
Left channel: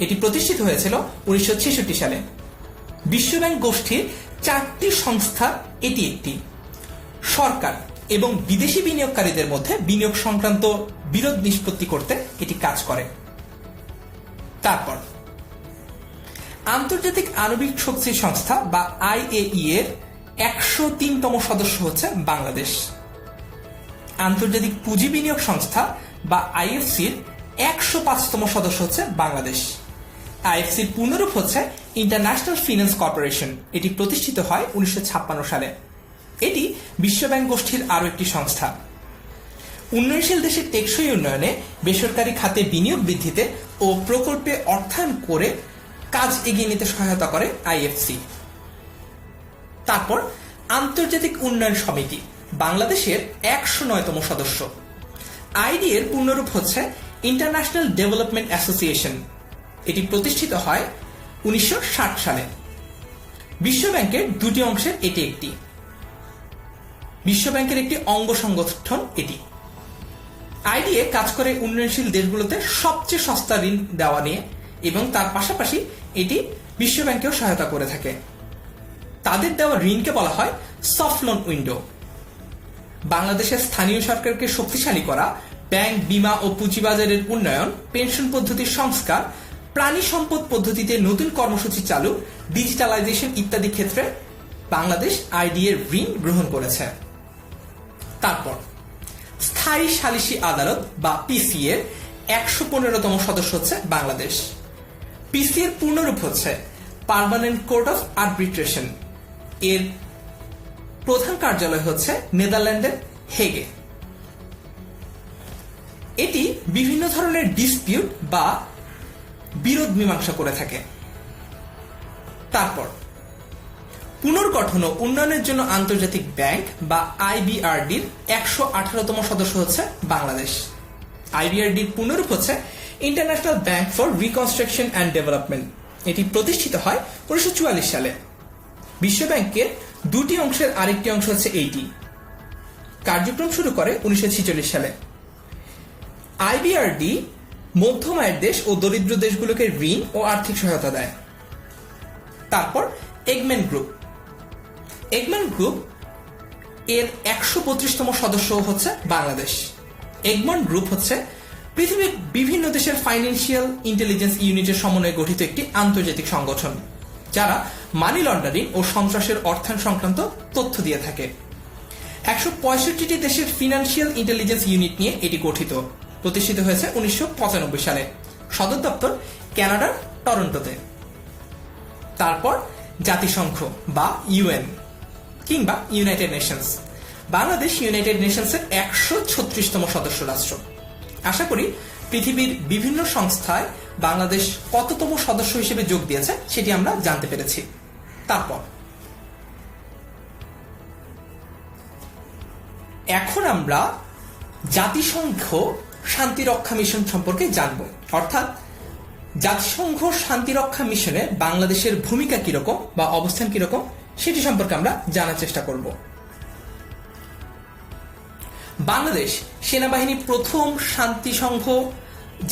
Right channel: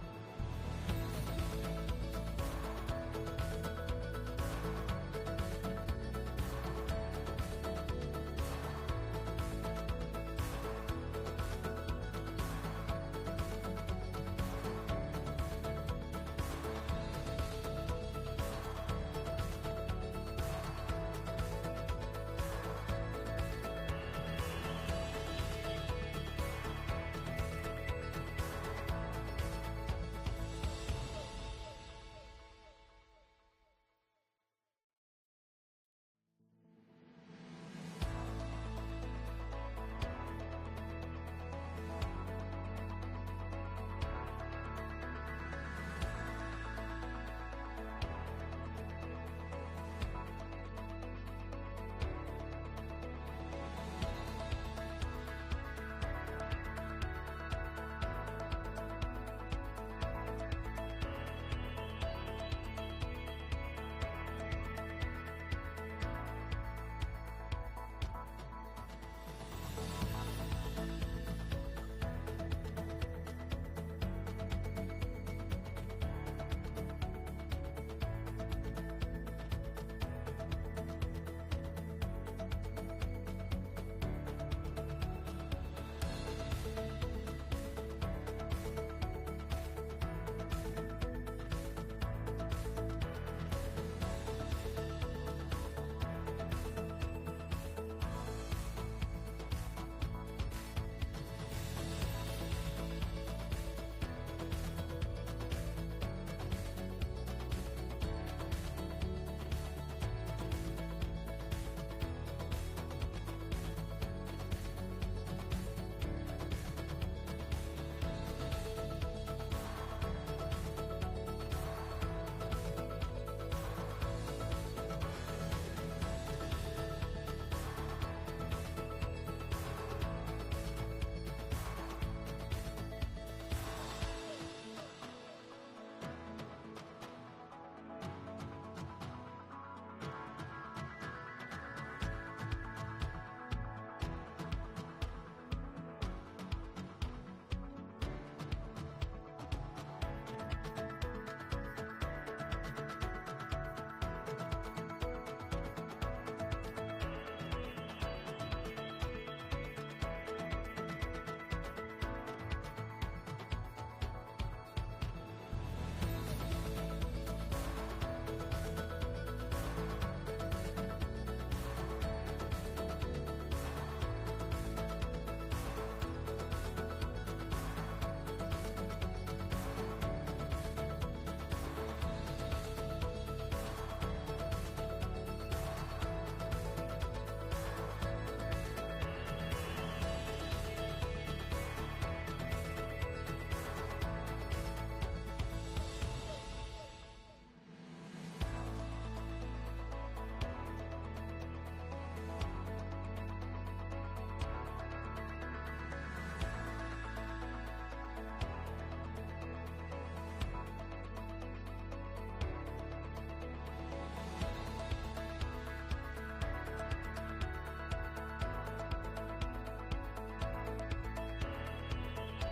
এটি প্রতিষ্ঠিত হয়েছিল 1966 সালে। বিশ্বব্যাংক গোষ্ঠীর 4টি সংস্থা এটি একটি। সরকার এবং বিদেশি বিনিয়োগকারীদের মধ্যে বিনিয়োগ সংক্রান্ত বিরোধ নিষ্পত্তি করতে এটি কাজ করে। তারপর আন্তর্জাতিক আণবিক শক্তি সংস্থা বা IAEA এর 103তম সদস্য হচ্ছে বাংলাদেশ। আন্তর্জাতিক পুঁজি বিনিয়োগ সংস্থা বা IFC-র 105তম সদস্য হচ্ছে বাংলাদেশ। IFC-র পূর্ণরূপ হচ্ছে ইন্টারন্যাশনাল ফিন্যান্স কর্পোরেশন। এটি প্রতিষ্ঠিত হয় 1956 সালে। এটি বিশ্বব্যাংক গোষ্ঠীর আরও একটি সংস্থা। উন্নয়নশীল দেশের টেকসই উন্নয়নে বেসরকারি খাতে বিনিয়োগ বৃদ্ধিতে ও প্রকল্পে অর্থায়ন করে কাজ এগিয়ে নিতে সহায়তা করে IFC। তারপর আন্তর্জাতিক উন্নয়ন সমিতি, বাংলাদেশের 109তম সদস্য। ID এর পূর্ণরূপ হচ্ছে ইন্টারন্যাশনাল ডেভেলপমেন্ট অ্যাসোসিয়েশন। এটি প্রতিষ্ঠিত হয় 1960 সালে। বিশ্বব্যাংকের 2টি অংশের এটি একটি। বিশ্বব্যাংকের একটি অঙ্গ সংগঠন এটি। IDA কাজ করে উন্নয়নশীল দেশগুলোতে সবচেয়ে সস্তা ঋণ দেওয়া নিয়ে এবং তার পাশাপাশি এটি বিশ্বব্যাংকেও সহায়তা করে থাকে। তাদের দেওয়া ঋণকে বলা হয় সফট লোন উইন্ডো। বাংলাদেশের স্থানীয় সরকারকে শক্তিশালী করা, ব্যাংক, বীমা ও পুঁজিবাজারের উন্নয়ন, পেনশন পদ্ধতির সংস্কার, প্রাণী সম্পদ পদ্ধতিতে নতুন কর্মসূচি চালু, ডিজিটালাইজেশন ইত্যাদি ক্ষেত্রে বাংলাদেশ IDA এর ঋণ গ্রহণ করেছে। তারপর স্থায়ী সালিসি আদালত বা PC এর 115তম সদস্য হচ্ছে বাংলাদেশ। PC এর পূর্ণরূপ হচ্ছে পার্মানেন্ট কোর্ট অফ আর্বিট্রেশন। এর প্রধান কার্যালয় হচ্ছে নেদারল্যান্ডের হেগে। এটি বিভিন্ন ধরনের ডিসপিউট বা বিরোধ মীমাংসা করে থাকে। তারপর পুনর্গঠন ও উন্নয়নের জন্য আন্তর্জাতিক ব্যাংক বা IBRD-র 118তম সদস্য হচ্ছে বাংলাদেশ। IBRD-র পূর্ণরূপ হচ্ছে international bank for reconstruction and development. এটি প্রতিষ্ঠিত হয় 1944 সালে। বিশ্বব্যাংকের 2টি অংশের আরেকটি অংশ হচ্ছে এইটি। কার্যক্রম শুরু করে 1946 সালে। IBRD মধ্যম আয়ের দেশ ও দরিদ্র দেশগুলোকে ঋণ ও আর্থিক সহায়তা দেয়। তারপর এগম্যান গ্রুপ। এগম্যান গ্রুপ এর 125তম সদস্য হচ্ছে বাংলাদেশ। এগম্যান গ্রুপ হচ্ছে পৃথিবীর বিভিন্ন দেশের ফাইন্যান্সিয়াল ইন্টেলিজেন্স ইউনিটের সমন্বয়ে গঠিত একটি আন্তর্জাতিক সংগঠন, যারা মানি লন্ডারিং ও সন্ত্রাসের অর্থায়ন সংক্রান্ত তথ্য দিয়ে থাকে। 165টি দেশের ফিনান্সিয়াল ইন্টেলিজেন্স ইউনিট নিয়ে এটি গঠিত। প্রতিষ্ঠিত হয়েছে 1995 সালে। সদর দপ্তর কানাডার টরন্টোতে। তারপর জাতিসংঘ বা UN কিংবা ইউনাইটেড নেশনস। বাংলাদেশ ইউনাইটেড নেশনসের 136তম সদস্য রাষ্ট্র। আশা করি পৃথিবীর বিভিন্ন সংস্থায় বাংলাদেশ কততম সদস্য হিসেবে যোগ দিয়েছে সেটি আমরা জানতে পেরেছি। তারপর এখন আমরা জাতিসংঘ শান্তিরক্ষা মিশন সম্পর্কে জানব। অর্থাৎ জাতিসংঘ শান্তিরক্ষা মিশনে বাংলাদেশের ভূমিকা কিরকম বা অবস্থান কিরকম সেটি সম্পর্কে আমরা জানার চেষ্টা করব। বাংলাদেশ সেনাবাহিনী প্রথম শান্তিসংঘ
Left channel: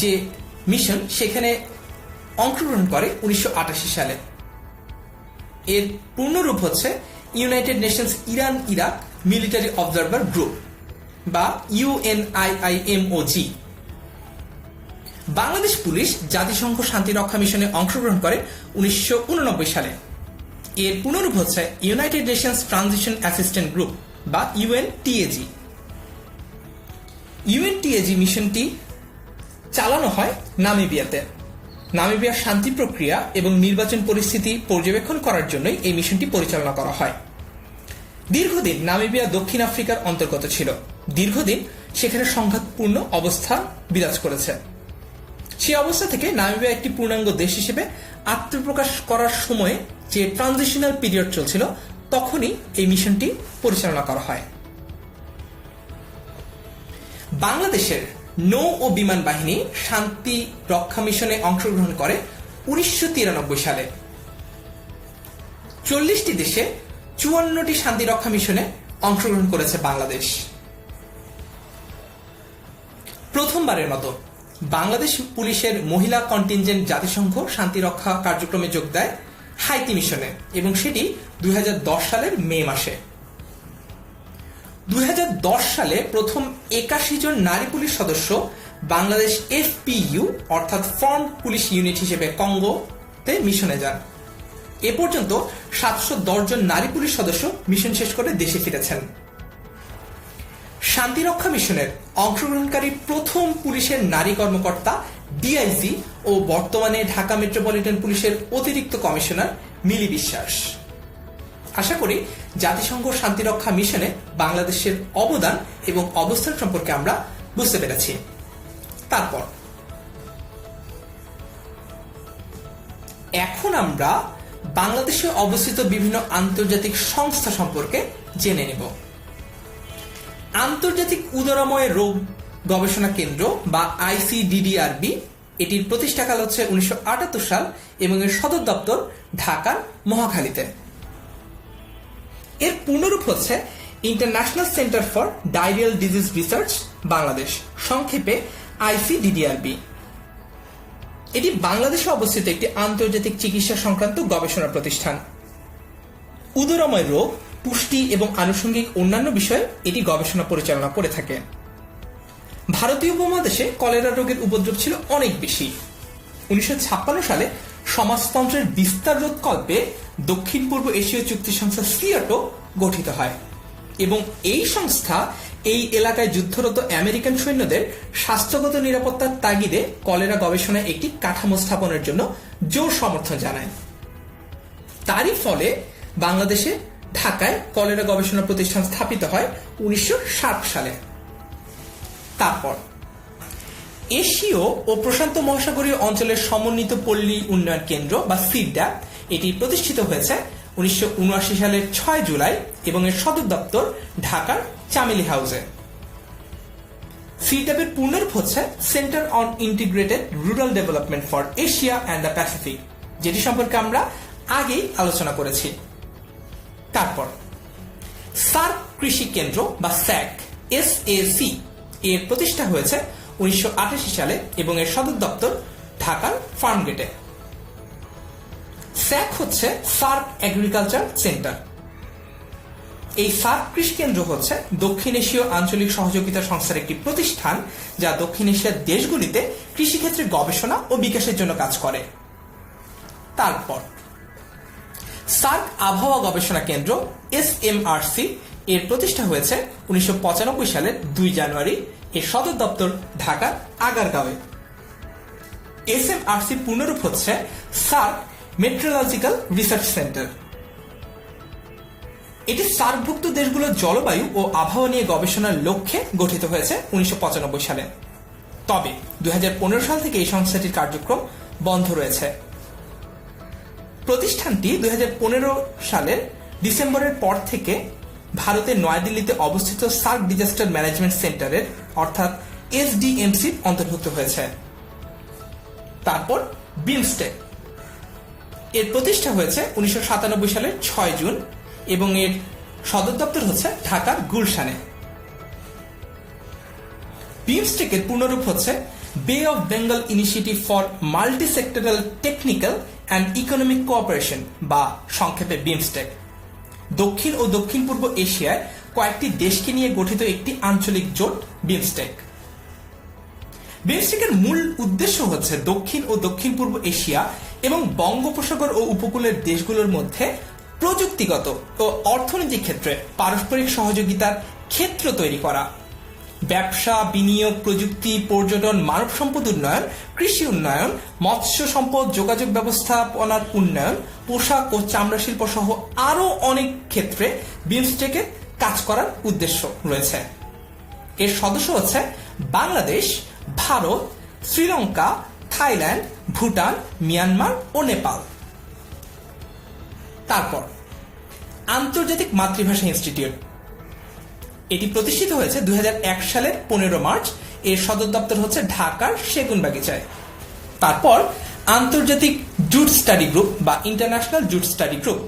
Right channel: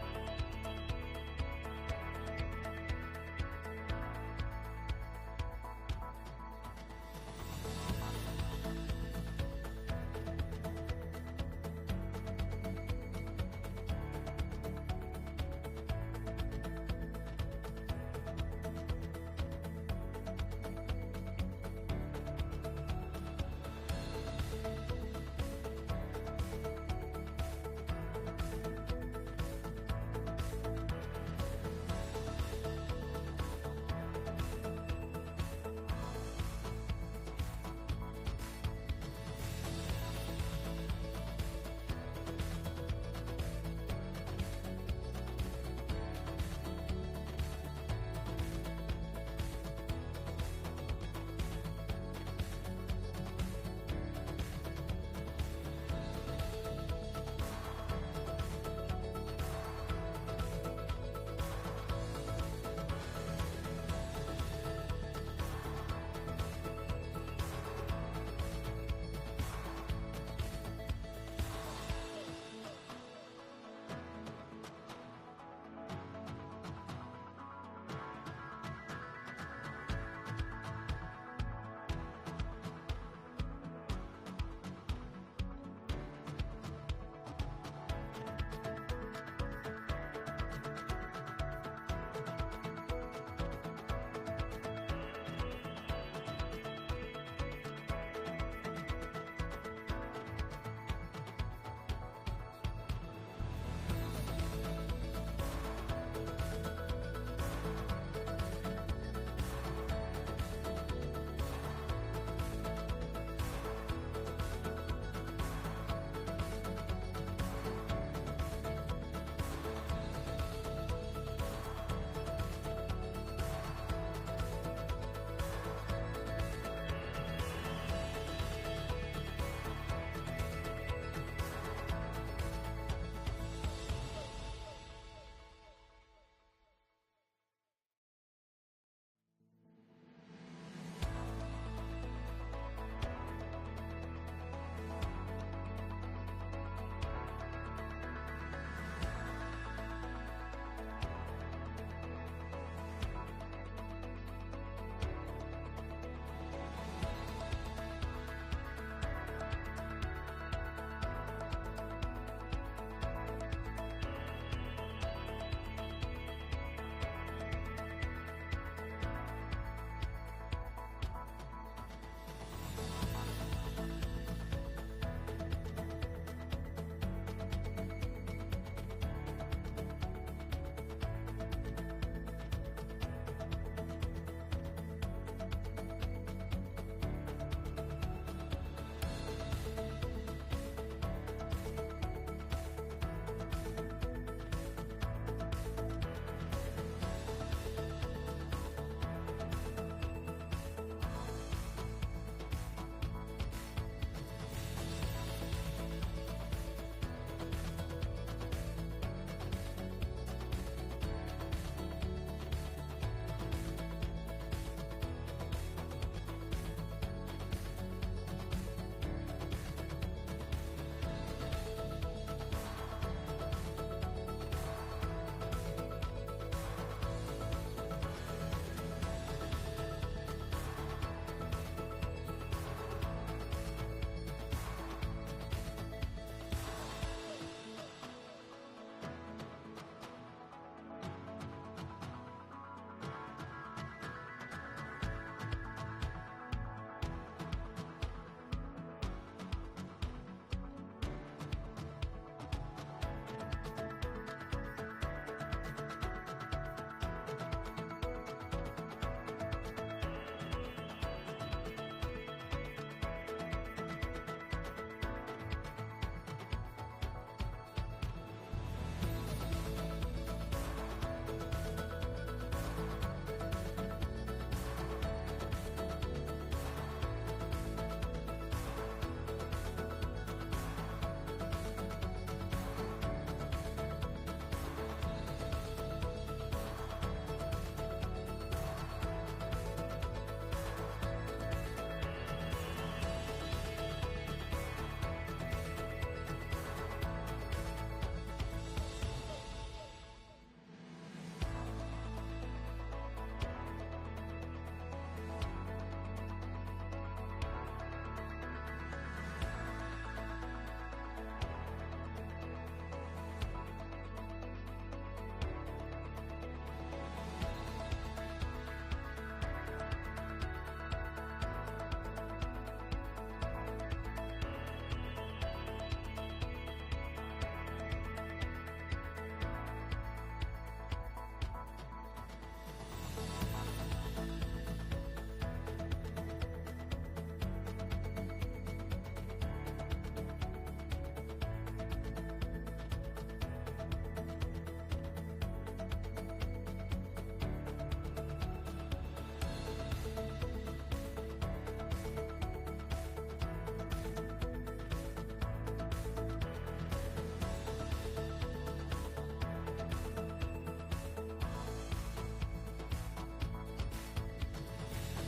যে মিশন সেখানে অংশগ্রহণ করে 1988 সালে। এর পূর্ণরূপ হচ্ছে united Nations Iran Iraq military observer group বা UNIIMOG। বাংলাদেশ পুলিশ জাতিসংঘ শান্তিরক্ষা মিশনে অংশগ্রহণ করে 1989 সালে। এর পুনরূপ হচ্ছে united Nations transition assistant group বা UNTAG। UNTAG মিশনটি চালানো হয় নামিবিয়াতে। নামিবিয়ার শান্তি প্রক্রিয়া এবং নির্বাচন পরিস্থিতি পর্যবেক্ষণ করার জন্যই এই মিশনটি পরিচালনা করা হয়। দীর্ঘদিন নামিবিয়া দক্ষিণ আফ্রিকার অন্তর্গত ছিল। দীর্ঘদিন সেখানে সংঘাতপূর্ণ অবস্থা বিরাজ করেছে। সেই অবস্থা থেকে নামিবিয়া একটি পূর্ণাঙ্গ দেশ হিসেবে আত্মপ্রকাশ করার সময়ে যে ট্রানজিশনাল পিরিয়ড চলছিল তখনই এই মিশনটি পরিচালনা করা হয়। বাংলাদেশের নৌ ও বিমান বাহিনী শান্তি রক্ষা মিশনে অংশগ্রহণ করে 1993 সালে। 40টি দেশে 54টি শান্তি রক্ষা মিশনে অংশগ্রহণ করেছে বাংলাদেশ। প্রথমবারের মতো বাংলাদেশ পুলিশের মহিলা কন্টিনজেন্ট জাতিসংঘ শান্তি রক্ষা কার্যক্রমে যোগ দেয় হাইতি মিশনে এবং সেটি 2010 সালের মে মাসে। 2010 সালে প্রথম 81 জন নারী পুলিশ সদস্য বাংলাদেশ FPU অর্থাৎ ফ্রন্ট পুলিশ ইউনিট হিসেবে কঙ্গোতে মিশনে যান। এ পর্যন্ত 710 জন নারী পুলিশ সদস্য মিশন শেষ করে দেশে ফিরেছেন। শান্তিরক্ষা মিশনের অংশগ্রহণকারী প্রথম পুলিশের নারী কর্মকর্তা DIG ও বর্তমানে ঢাকা মেট্রোপলিটন পুলিশের অতিরিক্ত কমিশনার মিলি বিশ্বাস। আশা করি জাতিসংঘ শান্তিরক্ষা মিশনে বাংলাদেশের অবদান এবং অবস্থান সম্পর্কে আমরা বুঝতে পেরেছি। তারপর এখন আমরা বাংলাদেশে অবস্থিত বিভিন্ন আন্তর্জাতিক সংস্থা সম্পর্কে জেনে নেব। আন্তর্জাতিক উদরাময় রোগ গবেষণা কেন্দ্র বা ICDDRB, এটির প্রতিষ্ঠাকাল হচ্ছে 1978 সাল এবং এর সদর দপ্তর ঢাকার মহাখালীতে। এর পূর্ণরূপ হচ্ছে international centre for diarrhoeal disease research Bangladesh, সংক্ষেপে ICDDRB। এটি বাংলাদেশে অবস্থিত একটি আন্তর্জাতিক চিকিৎসা সংক্রান্ত গবেষণা প্রতিষ্ঠান। উদরময় রোগ, পুষ্টি এবং আনুষঙ্গিক অন্যান্য বিষয়ে এটি গবেষণা পরিচালনা করে থাকে। ভারতীয় উপমহাদেশে কলেরা রোগের উপদ্রব ছিল অনেক বেশি। 1956 সালে সমাজতন্ত্রের বিস্তার রোধকল্পে দক্ষিণ পূর্ব এশীয় চুক্তি সংস্থা সিয়াটো গঠিত হয় এবং এই সংস্থা এই এলাকায় যুদ্ধরত আমেরিকান সৈন্যদের স্বাস্থ্যগত নিরাপত্তার তাগিদে কলেরা গবেষণায় একটি কাঠামো স্থাপনের জন্য জোর সমর্থন জানায়। তারই ফলে বাংলাদেশে ঢাকায় কলেরা গবেষণা প্রতিষ্ঠান স্থাপিত হয় 1960 সালে। তারপর এশীয় ও প্রশান্ত মহাসাগরীয় অঞ্চলের সমন্বিত পল্লী উন্নয়ন কেন্দ্র বা সিডড্যাপ, এটি প্রতিষ্ঠিত হয়েছে 1979 সালের 6 জুলাই এবং এর সদর দপ্তর ঢাকার চামেলি হাউসে। সিডড্যাপের পূর্ণরূপ হচ্ছে centre on integrated rural development for Asia and the Pacific, যেটি সম্পর্কে আমরা আগেই আলোচনা করেছি। তারপর সার্ক কৃষি কেন্দ্র বা SAC এর প্রতিষ্ঠা হয়েছে 1988 সালে এবং এর সদর দপ্তর ঢাকার ফার্মগেটে। SAC হচ্ছে সার্ক এগ্রিকালচার সেন্টার। এই সার্ক কৃষি কেন্দ্র হচ্ছে দক্ষিণ এশীয় আঞ্চলিক সহযোগিতা সংস্থার একটি প্রতিষ্ঠান যা দক্ষিণ এশিয়ার দেশগুলিতে কৃষিক্ষেত্রে গবেষণা ও বিকাশের জন্য কাজ করে। তারপর সার্ক আবহাওয়া গবেষণা কেন্দ্র SMRC এর প্রতিষ্ঠা হয়েছে 1995 সালের 2 জানুয়ারি। এর সদর দপ্তর ঢাকার আগারগাঁওয়ে। SMRC পূর্ণরূপ হচ্ছে সার্ক মেট্রোলজিক্যাল রিসার্চ সেন্টার। এটি সার্কভুক্ত দেশগুলোর জলবায়ু ও আবহাওয়া নিয়ে গবেষণার লক্ষ্যে গঠিত হয়েছে 1995 সালে। তবে 2015 সাল থেকে এই সংস্থাটির কার্যক্রম বন্ধ রয়েছে। প্রতিষ্ঠানটি 2015 সালের ডিসেম্বরের পর থেকে ভারতের নয়াদিল্লিতে অবস্থিত সার্ক ডিজাস্টার ম্যানেজমেন্ট সেন্টারের অর্থাৎ SDMC অন্তর্ভুক্ত হয়েছে। তারপর বিমস্টেক এর প্রতিষ্ঠা হয়েছে 1997 সালের 6 জুন এবং এর সদর দপ্তর হচ্ছে ঢাকার গুলশানে। বিমস্টেকের পূর্ণরূপ হচ্ছে বে of Bengal initiative for multi sectoral technical and economic cooperation বা সংক্ষেপে বিমস্টেক। দক্ষিণ ও দক্ষিণ পূর্ব এশিয়ায় কয়েকটি দেশকে নিয়ে গঠিত একটি আঞ্চলিক জোট বিমস্টেক। বিমস্টেকের মূল উদ্দেশ্য হচ্ছে দক্ষিণ ও দক্ষিণ পূর্ব এশিয়া এবং বঙ্গোপসাগর ও উপকূলের দেশগুলোর মধ্যে প্রযুক্তিগত ও অর্থনৈতিক ক্ষেত্রে পারস্পরিক সহযোগিতার ক্ষেত্র তৈরি করা। ব্যবসা, বিনিয়োগ, প্রযুক্তি, পর্যটন, মানব সম্পদ উন্নয়ন, কৃষি উন্নয়ন, মৎস্য সম্পদ, যোগাযোগ ব্যবস্থাপনার উন্নয়ন, পোশাক ও চামড়া শিল্প সহ আরও অনেক ক্ষেত্রে বিমস্টেকের কাজ করার উদ্দেশ্য রয়েছে। এর সদস্য হচ্ছে বাংলাদেশ, ভারত, শ্রীলঙ্কা, থাইল্যান্ড, ভুটান, মিয়ানমার ও নেপাল। তারপর আন্তর্জাতিক মাতৃভাষা ইনস্টিটিউট, এটি প্রতিষ্ঠিত হয়েছে 2001 সালের 15 মার্চ। এর সদর দপ্তর হচ্ছে ঢাকার সেগুনবাগিচায়। তারপর আন্তর্জাতিক জুট স্টাডি গ্রুপ বা ইন্টারন্যাশনাল জুট স্টাডি গ্রুপ,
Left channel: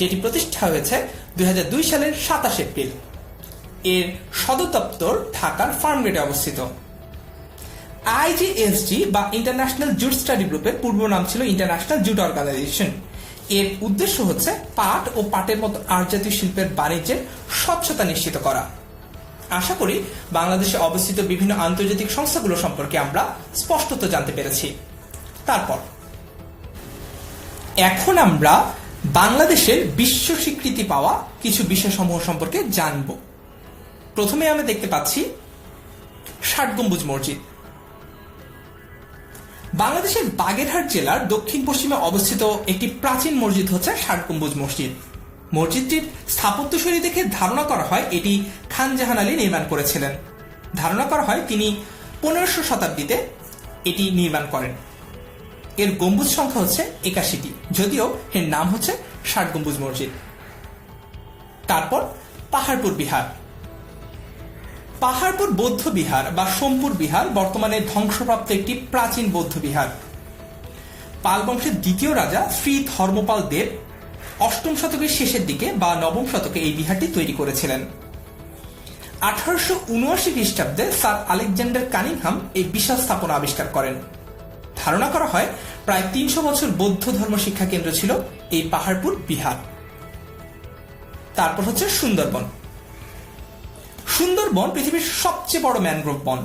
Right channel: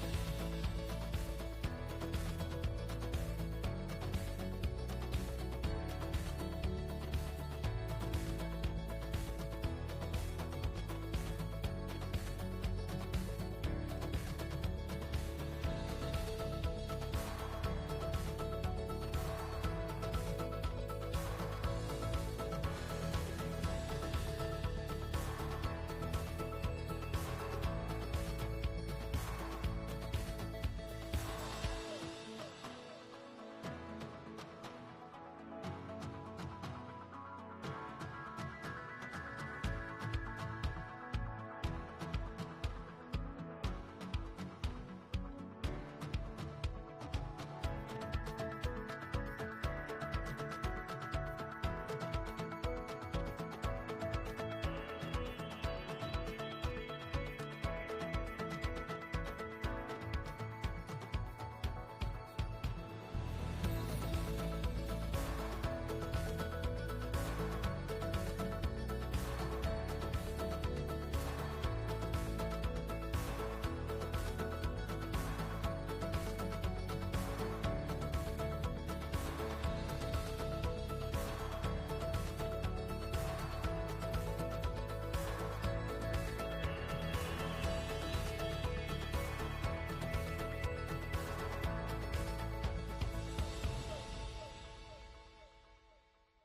যেটি প্রতিষ্ঠা হয়েছে 2002 সালের 27 এপ্রিল। এর সদর দপ্তর ঢাকার ফার্মগেটে অবস্থিত। আইজিএসজি বা ইন্টারন্যাশনাল জুট স্টাডি গ্রুপের পূর্ব নাম ছিল ইন্টারন্যাশনাল জুট অর্গানাইজেশন। এর উদ্দেশ্য হচ্ছে পাট ও পাটের মতো আর্জাতীয় শিল্পের বাণিজ্যের স্বচ্ছতা নিশ্চিত করা। আশা করি বাংলাদেশে অবস্থিত বিভিন্ন আন্তর্জাতিক সংস্থাগুলো সম্পর্কে আমরা স্পষ্টত জানতে পেরেছি। তারপর এখন আমরা বাংলাদেশের বিশ্ব স্বীকৃতি পাওয়া কিছু বিষয়সমূহ সম্পর্কে জানব। প্রথমে আমরা দেখতে পাচ্ছি ৬০ গম্বুজ মসজিদ। বাংলাদেশের বাগেরহাট জেলার দক্ষিণ পশ্চিমে অবস্থিত একটি প্রাচীন মসজিদ হচ্ছে ৬০ গম্বুজ মসজিদ। মসজিদটির স্থাপত্যশৈলী দেখে ধারণা করা হয় এটি খান জাহান আলী নির্মাণ করেছিলেন। ধারণা করা হয় তিনি 1500 শতাব্দীতে এটি নির্মাণ করেন। এর গম্বুজ সংখ্যা হচ্ছে 81টি, যদিও এর নাম হচ্ছে ৬০ গম্বুজ মসজিদ। তারপর পাহাড়পুর বিহার। পাহাড়পুর বৌদ্ধ বিহার বা সোমপুর বিহার বর্তমানে ধ্বংসপ্রাপ্ত একটি প্রাচীন বৌদ্ধ বিহার। পাল বংশের দ্বিতীয় রাজা শ্রী ধর্মপাল দেব 8ম শতকের শেষের দিকে বা 9ম শতকে এই বিহারটি তৈরি করেছিলেন। 1879 খ্রিস্টাব্দে স্যার আলেকজান্ডার কানিংহাম এই বিশাল স্থাপনা আবিষ্কার করেন। ধারণা করা হয় প্রায় 300 বছর বৌদ্ধ ধর্ম শিক্ষা কেন্দ্র ছিল এই পাহাড়পুর বিহার। তারপর হচ্ছে সুন্দরবন। সুন্দরবন পৃথিবীর সবচেয়ে বড় ম্যানগ্রোভ বন।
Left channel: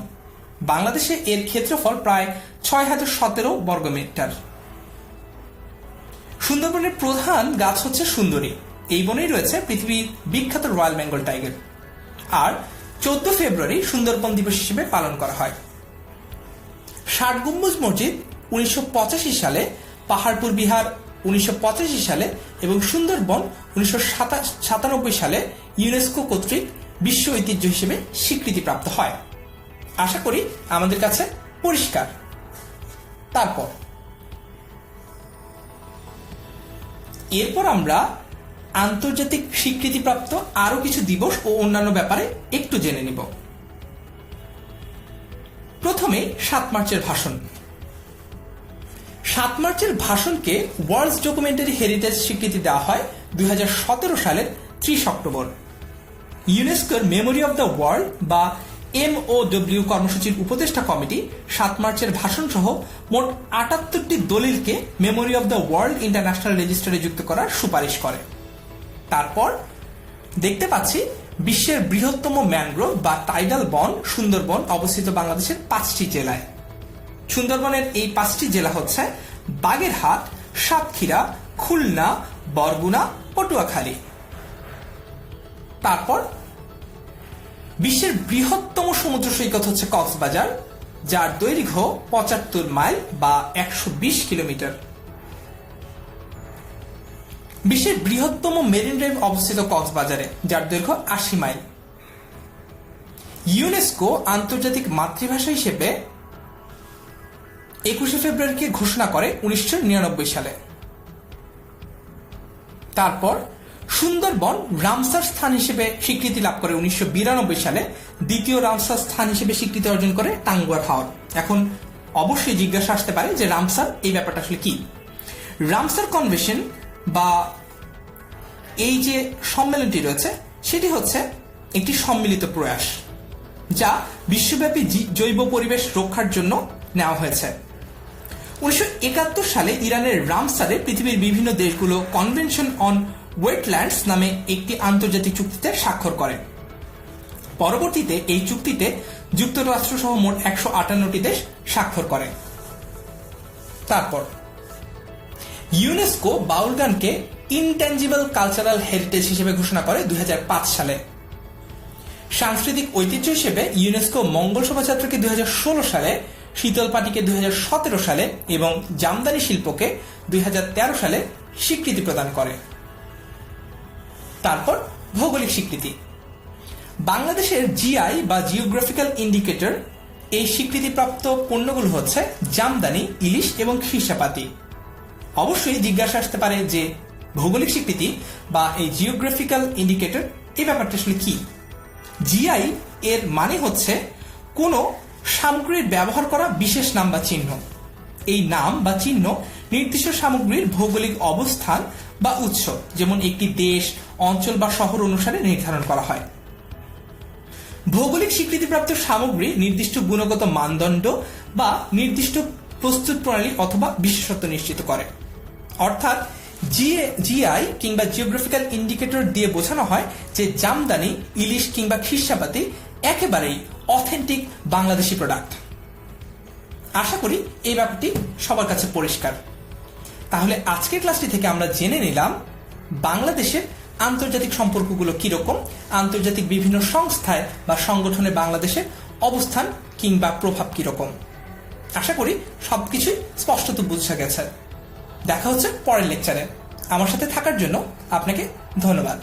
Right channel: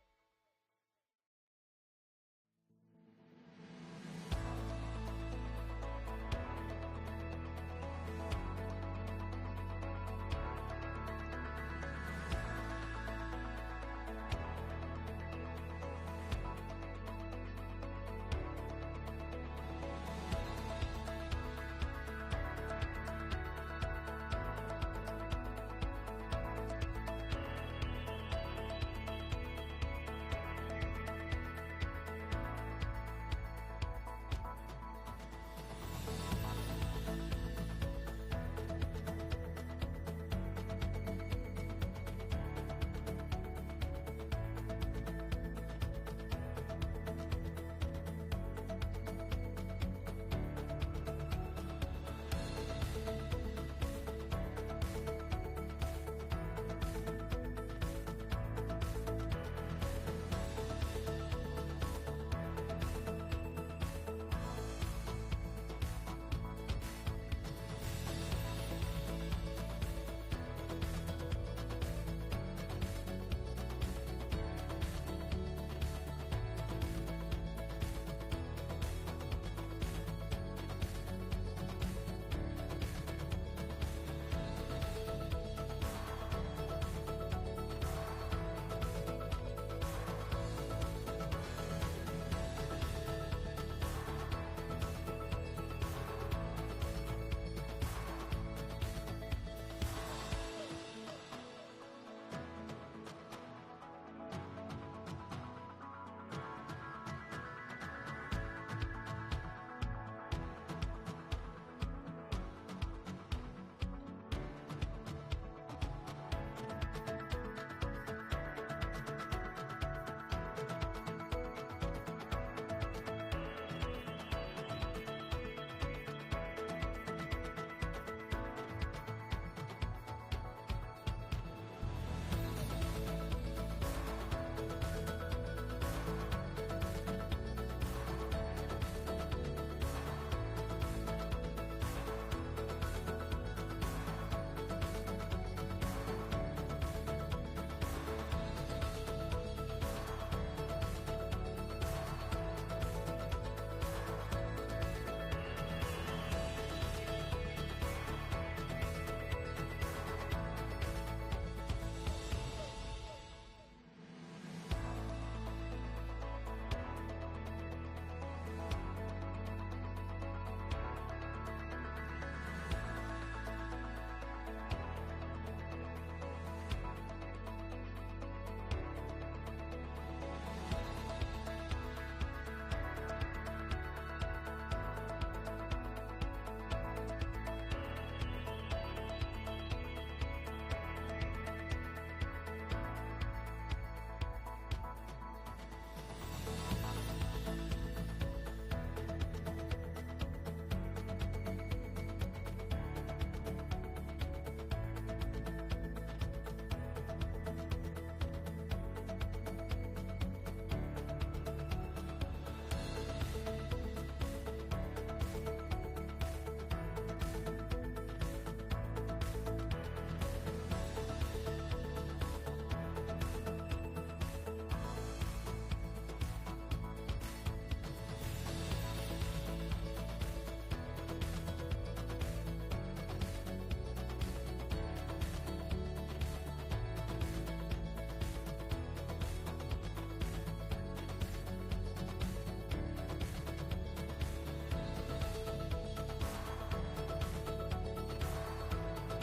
বাংলাদেশে এর ক্ষেত্রফল প্রায় 6017 বর্গমিটার। সুন্দরবনের প্রধান গাছ হচ্ছে সুন্দরী। এই বনেই রয়েছে পৃথিবীর বিখ্যাত রয়্যাল বেঙ্গল টাইগার। আর 14 ফেব্রুয়ারি সুন্দরবন দিবস হিসেবে পালন করা হয়। ৬০ গম্বুজ মসজিদ 1985 সালে, পাহাড়পুর বিহার 1985 সালে এবং সুন্দরবন 1997 সালে ইউনেস্কো কর্তৃক বিশ্ব ঐতিহ্য হিসেবে স্বীকৃতিপ্রাপ্ত হয়। আশা করি আমাদের কাছে পরিষ্কার। এরপর আমরা আন্তর্জাতিক স্বীকৃতিপ্রাপ্ত আরো কিছু দিবস ও অন্যান্য ব্যাপারে একটু জেনে নিব। প্রথমে 7 মার্চের ভাষণ। 7 মার্চের ভাষণকে ওয়ার্ল্ড ডকুমেন্টারি হেরিটেজ স্বীকৃতি দেওয়া হয় 2017 সালের 30 অক্টোবর। ইউনেস্কোর মেমোরি অব দ্য ওয়ার্ল্ড বা MOW কর্মসূচির উপদেষ্টা কমিটি 7 মার্চের ভাষণ সহ মোট 78টি দলিলকে memory of the world international রেজিস্টারে যুক্ত করার সুপারিশ করে। তারপর দেখতে পাচ্ছি বিশ্বের বৃহত্তম ম্যানগ্রোভ বা টাইডাল বন সুন্দরবন অবস্থিত বাংলাদেশের 5টি জেলায়। সুন্দরবনের এই 5টি জেলা হচ্ছে বাগেরহাট, সাতক্ষীরা, খুলনা, বরগুনা, পটুয়াখালী। তারপর বিশ্বের বৃহত্তম সমুদ্র সৈকত হচ্ছে কক্সবাজার, যার দৈর্ঘ্য 75 মাইল বা 120 কিলোমিটার। বিশ্বের বৃহত্তম মেরিন ড্রাইভ অবস্থিত কক্সবাজারে, যার দৈর্ঘ্য 80 মাইল। ইউনেস্কো আন্তর্জাতিক মাতৃভাষা হিসেবে 21 ফেব্রুয়ারিকে ঘোষণা করে 1999 সালে। তারপর সুন্দরবন রামসার স্থান হিসেবে স্বীকৃতি লাভ করে 1992 সালে। দ্বিতীয় রামসার স্থান হিসেবে স্বীকৃতি অর্জন করে টাঙ্গুয়ার হাওর। এখন অবশ্যই জিজ্ঞাসা আসতে পারে যে রামসার এই ব্যাপারটা আসলে কি। রামসার কনভেনশন বা এই যে সম্মেলনটি রয়েছে সেটি হচ্ছে একটি সম্মিলিত প্রয়াস যা বিশ্বব্যাপী জৈব পরিবেশ রক্ষার জন্য নেওয়া হয়েছে। 1971 সালে ইরানের রামসারে পৃথিবীর বিভিন্ন দেশগুলো কনভেনশন অন ওয়েটল্যান্ডস নামে একটি আন্তর্জাতিক চুক্তিতে স্বাক্ষর করে। পরবর্তীতে এই চুক্তিতে যুক্তরাষ্ট্র সহ মোট 158টি দেশ স্বাক্ষর করে। তারপর ইউনেস্কো বাউল গানকে ইনট্যাঞ্জিবল কালচারাল হেরিটেজ হিসেবে ঘোষণা করে 2005 সালে। সাংস্কৃতিক ঐতিহ্য হিসেবে ইউনেস্কো মঙ্গল শোভাযাত্রাকে 2016 সালে, শীতল পাটিকে 2017 সালে এবং জামদানি শিল্পকে 2013 সালে স্বীকৃতি প্রদান করে। তারপর ভৌগোলিক স্বীকৃতি। বাংলাদেশের জিআই বা জিওগ্রাফিক্যাল ইন্ডিকেটর, এই স্বীকৃতিপ্রাপ্ত পণ্যগুলো হচ্ছে জামদানি, ইলিশ এবং খিরসাপাতি। অবশ্যই জিজ্ঞাসা আসতে পারে যে ভৌগোলিক স্বীকৃতি বা এই জিওগ্রাফিক্যাল ইন্ডিকেটর এই ব্যাপারটা আসলে কি? জিআই এর মানে হচ্ছে কোনো সামগ্রীর ব্যবহার করা বিশেষ নাম বা চিহ্ন। এই নাম বা চিহ্ন নির্দিষ্ট সামগ্রীর ভৌগোলিক অবস্থান বা উৎস, যেমন একটি দেশ, অঞ্চল বা শহর অনুসারে নির্ধারণ করা হয়। ভৌগোলিক স্বীকৃতিপ্রাপ্ত সামগ্রী নির্দিষ্ট গুণগত মানদণ্ড বা নির্দিষ্ট প্রস্তুত প্রণালী অথবা বিশেষত্ব নিশ্চিত করে। অর্থাৎ জিআই কিংবা জিওগ্রাফিক্যাল ইন্ডিকেটর দিয়ে বোঝানো হয় যে জামদানি, ইলিশ কিংবা খিরসাপাতি একেবারেই অথেন্টিক বাংলাদেশি প্রোডাক্ট। আশা করি এই ব্যাপারটি সবার কাছে পরিষ্কার। তাহলে আজকের ক্লাসটি থেকে আমরা জেনে নিলাম বাংলাদেশের আন্তর্জাতিক সম্পর্কগুলো কিরকম, আন্তর্জাতিক বিভিন্ন সংস্থায় বা সংগঠনে বাংলাদেশের অবস্থান কিংবা প্রভাব কিরকম। আশা করি সবকিছুই স্পষ্টত বোঝা গেছে। দেখা হচ্ছে পরের লেকচারে। আমার সাথে থাকার জন্য আপনাকে ধন্যবাদ।